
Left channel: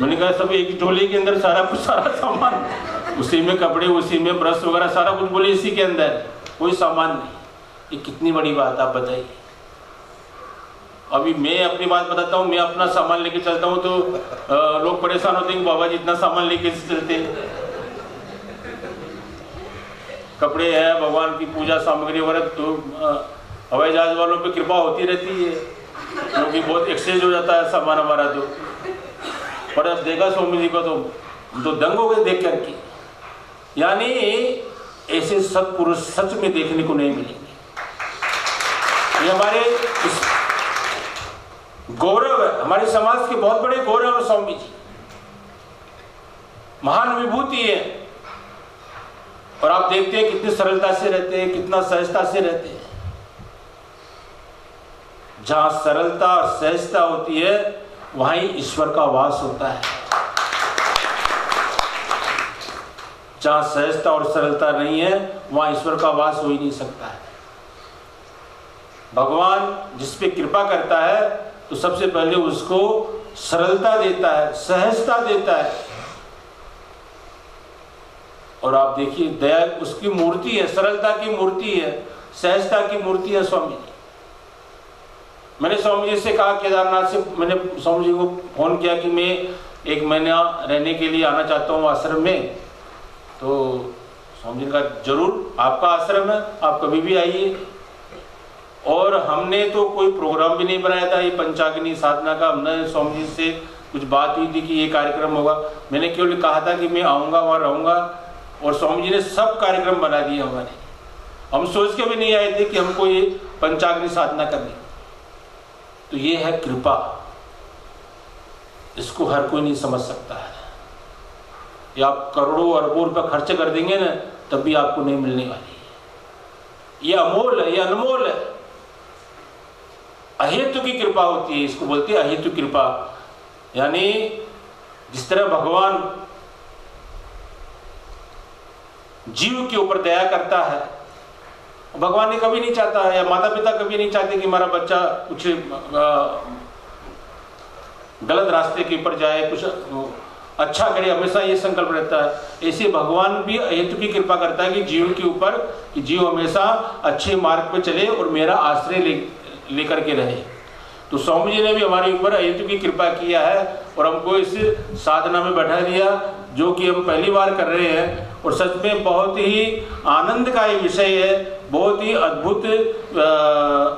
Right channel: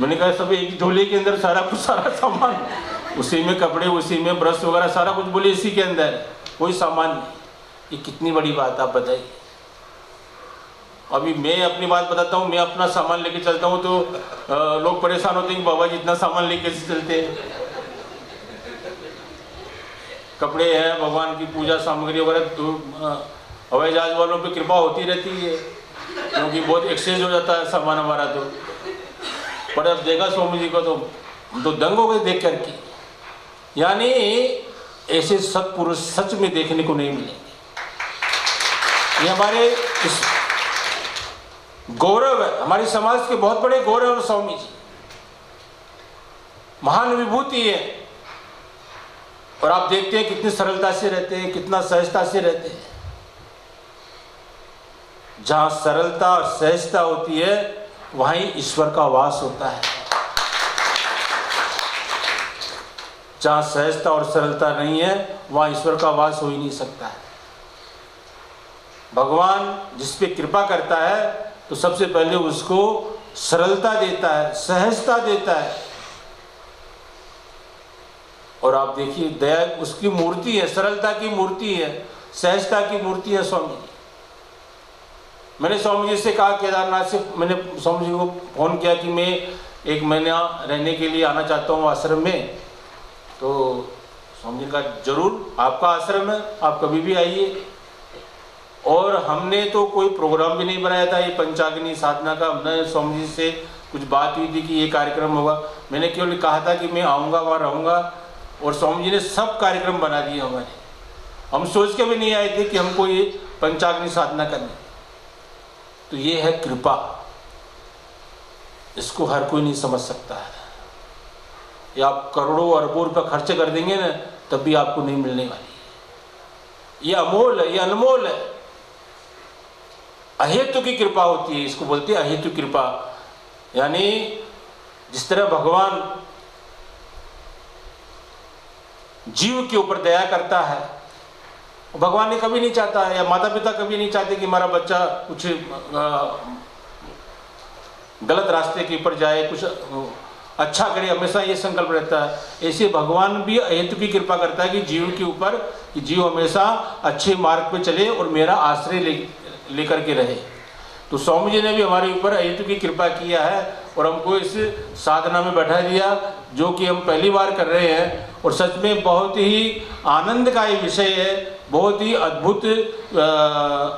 मैंने कहा सब एक झोले के अंदर सारा कुछ, सारा सामान, उसी में कपड़े, उसी में ब्रश वगैरह सारा कुछ, बोले इसी के अंदर, कोई सामान नहीं। ये कितनी बड़ी बात आप बताइए। अभी मैं अपनी बात बताता हूँ, मैं अपना सामान लेके चलता हूँ तो लोग परेशान होते हैं कि बाबा जी इतना सामान लेके चलते हैं। कपड़े हैं, भगवान की पूजा सामग्री वगैरह, तो हवाई जहाज वालों पे कृपा होती रहती है क्योंकि बहुत एक्सचेंज हो जाता है सामान हमारा। तो पर देखा स्वामी जी को तो दंग हो गए देख करके। यानी ऐसे सत्पुरुष सच में देखने को नहीं मिलेंगे। ये हमारे गौरव है, हमारे समाज के बहुत बड़े गौरव है स्वामी जी, महान विभूति है। और आप देखते हैं कितनी सरलता से रहते हैं, कितना सहजता से रहते हैं। जहां सरलता और सहजता होती है वहीं ईश्वर का वास होता है। जहां सहजता और सरलता नहीं है वहां ईश्वर का वास हो ही नहीं सकता है। भगवान जिस पे कृपा करता है तो सबसे पहले उसको सरलता देता है, सहजता देता है। और आप देखिए दया उसकी मूर्ति है, सरलता की मूर्ति है, सहजता की मूर्ति है स्वामी जी। मैंने स्वामी जी से कहा, केदारनाथ से मैंने स्वामी जी को फोन किया कि मैं 1 महीना रहने के लिए आना चाहता हूँ आश्रम में। तो स्वामी जी का जरूर, आपका आश्रम है, आप कभी भी आइए। और हमने तो कोई प्रोग्राम भी नहीं बनाया था ये पंचाग्नि साधना का। हमने स्वामी जी से कुछ बात हुई थी कि ये कार्यक्रम होगा, मैंने केवल कहा था कि मैं आऊँगा, वहाँ रहूँगा, और स्वामी जी ने सब कार्यक्रम बना दिए हमारे। हम सोच के भी नहीं आए थे कि हमको ये पंचाग्नि साधना करनी। तो ये है कृपा, इसको हर कोई नहीं समझ सकता है। ये आप करोड़ों अरबों रुपये खर्च कर देंगे ना तब भी आपको नहीं मिलने वाली है। ये अमोल है, ये अनमोल है। अहेतु की कृपा होती है, इसको बोलते हैं अहेतु कृपा। यानी जिस तरह भगवान जीव के ऊपर दया करता है, भगवान ने कभी नहीं चाहता है, या माता पिता कभी नहीं चाहते कि हमारा बच्चा कुछ गलत रास्ते के ऊपर जाए, कुछ अच्छा करे, हमेशा ये संकल्प रहता है। ऐसे भगवान भी अहेतु की कृपा करता है कि जीव के ऊपर, कि जीव हमेशा अच्छे मार्ग पे चले और मेरा आश्रय लेकर के रहे। तो स्वामी जी ने भी हमारे ऊपर अहेतु की कृपा किया है और हमको इस साधना में बैठा दिया, जो कि हम पहली बार कर रहे हैं। और सच में बहुत ही आनंद का ये विषय है, बहुत ही अद्भुत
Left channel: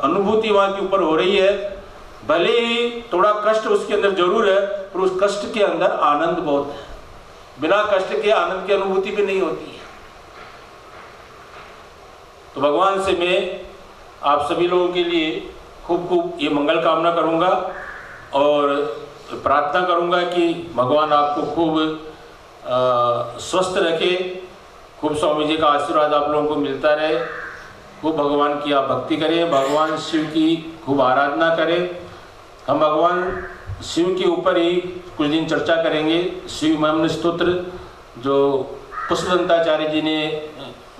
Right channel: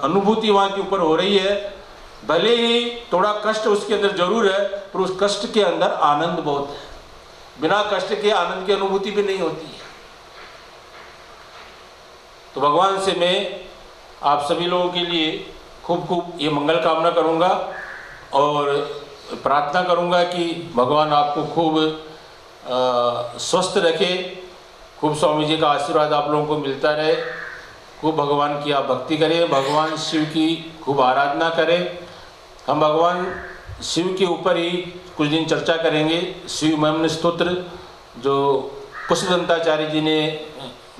अनुभूति वहाँ के ऊपर हो रही है। भले ही थोड़ा कष्ट उसके अंदर जरूर है, पर उस कष्ट के अंदर आनंद बहुत है। बिना कष्ट के आनंद की अनुभूति भी नहीं होती है। तो भगवान से मैं आप सभी लोगों के लिए खूब खूब ये मंगल कामना करूँगा और प्रार्थना करूँगा कि भगवान आपको खूब स्वस्थ रखे, खूब स्वामी जी का आशीर्वाद आप लोगों को मिलता रहे, खूब भगवान की आप भक्ति करें, भगवान शिव की खूब आराधना करें। हम भगवान शिव के ऊपर ही कुछ दिन चर्चा करेंगे। शिव महिम्न स्तोत्र जो पुष्पदंताचार्य जी ने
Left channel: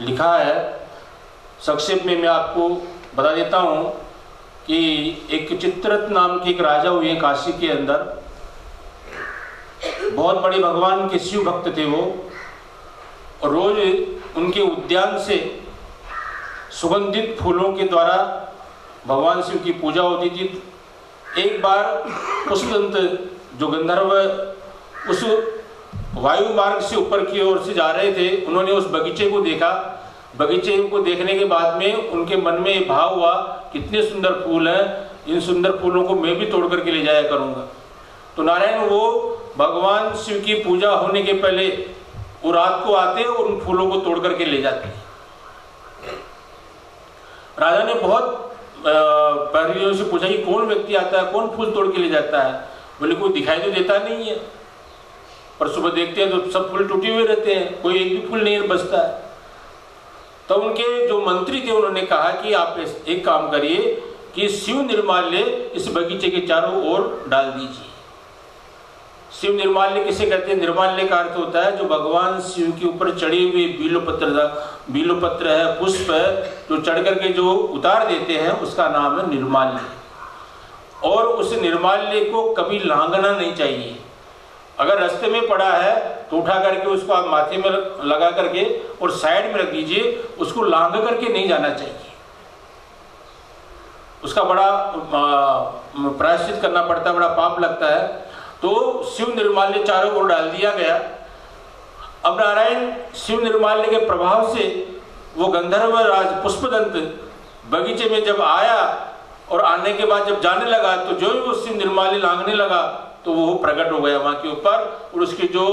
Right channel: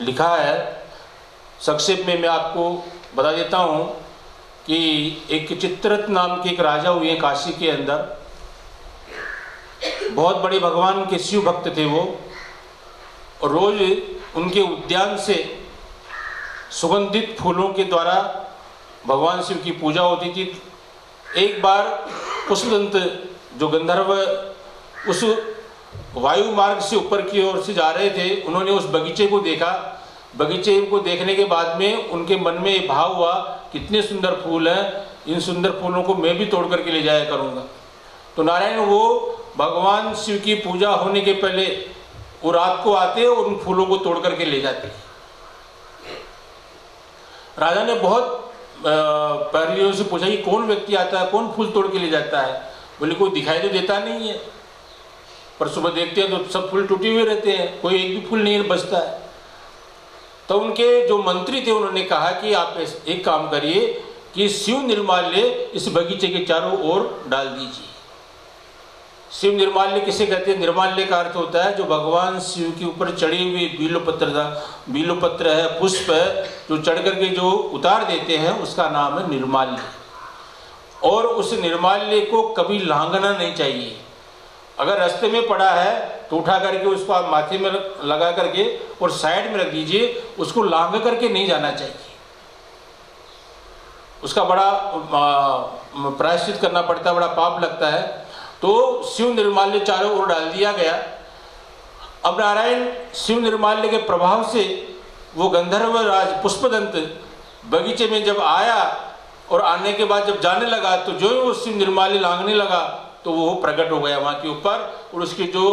लिखा है, संक्षेप में मैं आपको बता देता हूँ कि एक चित्ररथ नाम के एक राजा हुए काशी के अंदर, बहुत बड़े भगवान के शिव भक्त थे वो, और रोज उनके उद्यान से सुगंधित फूलों के द्वारा भगवान शिव की पूजा होती थी। एक बार पुष्पदंत जो गंधर्व उस वायु मार्ग से ऊपर की ओर से जा रहे थे, उन्होंने उस बगीचे को देखा। बगीचे को देखने के बाद में उनके मन में भाव हुआ, कितने सुंदर फूल हैं, इन सुंदर फूलों को मैं भी तोड़ करके ले जाया करूँगा। तो नारायण वो भगवान शिव की पूजा होने के पहले वो रात को आते और उन फूलों को तोड़ करके ले जाते। राजा ने बहुत परियों से पूछा कि कौन व्यक्ति आता है, कौन फूल तोड़ के ले जाता है। बोले कोई दिखाई तो देता नहीं है, पर सुबह देखते हैं तो सब फूल टूटे हुए रहते हैं, कोई एक भी फूल नहीं बचता है। तो उनके जो मंत्री थे उन्होंने कहा कि आप एक काम करिए कि शिव निर्माल्य इस बगीचे के चारों ओर डाल दीजिए। शिव निर्माल्य किसे कहते हैं? निर्माल्य का अर्थ होता है जो भगवान शिव के ऊपर चढ़े हुए बिल्वपत्र है, पुष्प है, जो चढ़ करके जो उतार देते हैं उसका नाम है निर्माल्य। और उस निर्माल्य को कभी लांघना नहीं चाहिए। अगर रास्ते में पड़ा है तो उठा करके उसको आप माथे में लगा करके और साइड में रख दीजिए, उसको लांघ करके नहीं जाना चाहिए। उसका बड़ा प्रायश्चित करना पड़ता है, बड़ा पाप लगता है। तो शिव निर्माल्य चारों ओर डाल दिया गया। अब नारायण शिव निर्माल्य के प्रभाव से वो गंधर्व राज पुष्पदंत बगीचे में जब आया और आने के बाद जब जाने लगा तो जो ही वो शिव निर्माल्य लांघने लगा तो वो प्रकट हो गया वहाँ के ऊपर, और उसकी जो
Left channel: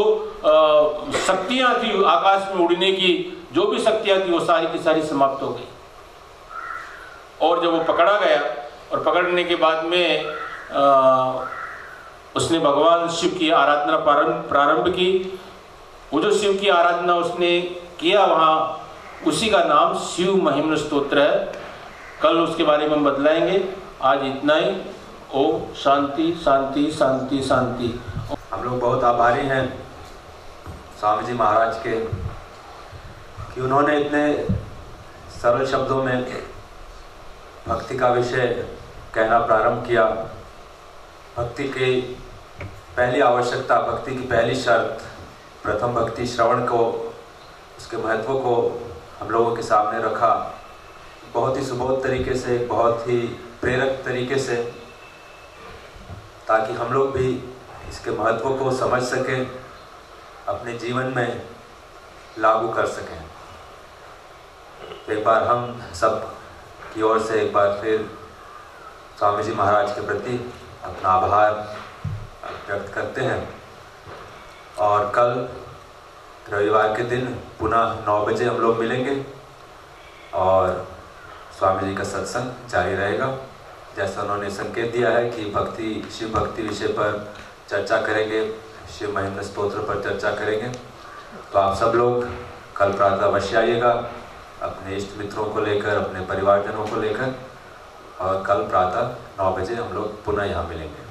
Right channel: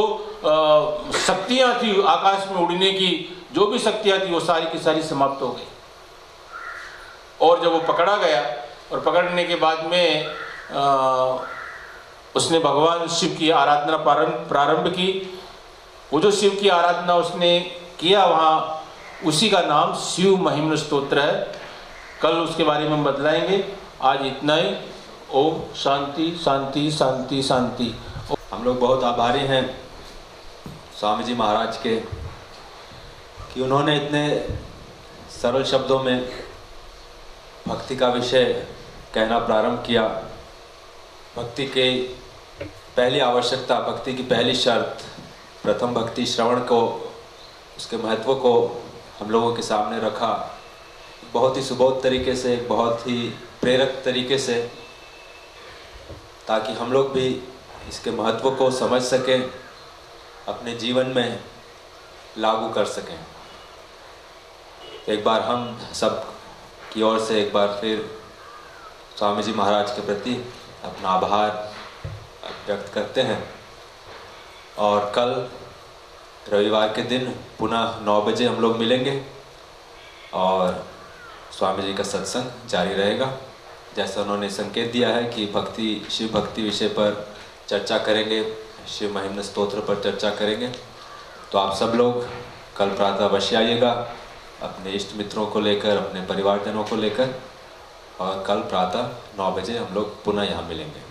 शक्तियाँ थी आकाश में उड़ने की, जो भी शक्तियाँ थी वो सारी की सारी समाप्त हो गई। और जब वो पकड़ा गया और पकड़ने के बाद में उसने भगवान शिव की आराधना प्रारंभ की। वो जो शिव की आराधना उसने किया वहाँ, उसी का नाम शिव महिम्न स्तोत्र है। कल उसके बारे में हम बतलाएंगे। आज इतना ही। ओम शांति शांति शांति शांति। हम लोग बहुत आभारी हैं स्वामी जी महाराज के कि उन्होंने इतने सरल शब्दों में भक्ति का विषय कहना प्रारंभ किया। भक्ति की पहली आवश्यकता, भक्ति की पहली शर्त, प्रथम भक्ति श्रवण को, उसके महत्व को हम लोगों के सामने रखा। बहुत ही सुबोध तरीके से, बहुत ही प्रेरक तरीके से, ताकि हम लोग भी इसके महत्व को समझ सकें, अपने जीवन में लागू कर सकें। एक बार हम सब की ओर से एक बार फिर स्वामी जी महाराज के प्रति अपना आभार व्यक्त करते हैं। और कल रविवार के दिन पुनः 9 बजे हम लोग मिलेंगे और स्वामी जी का सत्संग जारी रहेगा। जैसा उन्होंने संकेत दिया है कि भक्ति, शिव भक्ति विषय पर चर्चा करेंगे, शिव महिम्न स्तोत्र पर चर्चा करेंगे। तो आप सब लोग कल प्रातः अवश्य आइएगा, अपने इष्ट मित्रों को लेकर, अपने परिवारजनों को लेकर, और कल प्रातः 9 बजे हम लोग पुनः यहाँ मिलेंगे।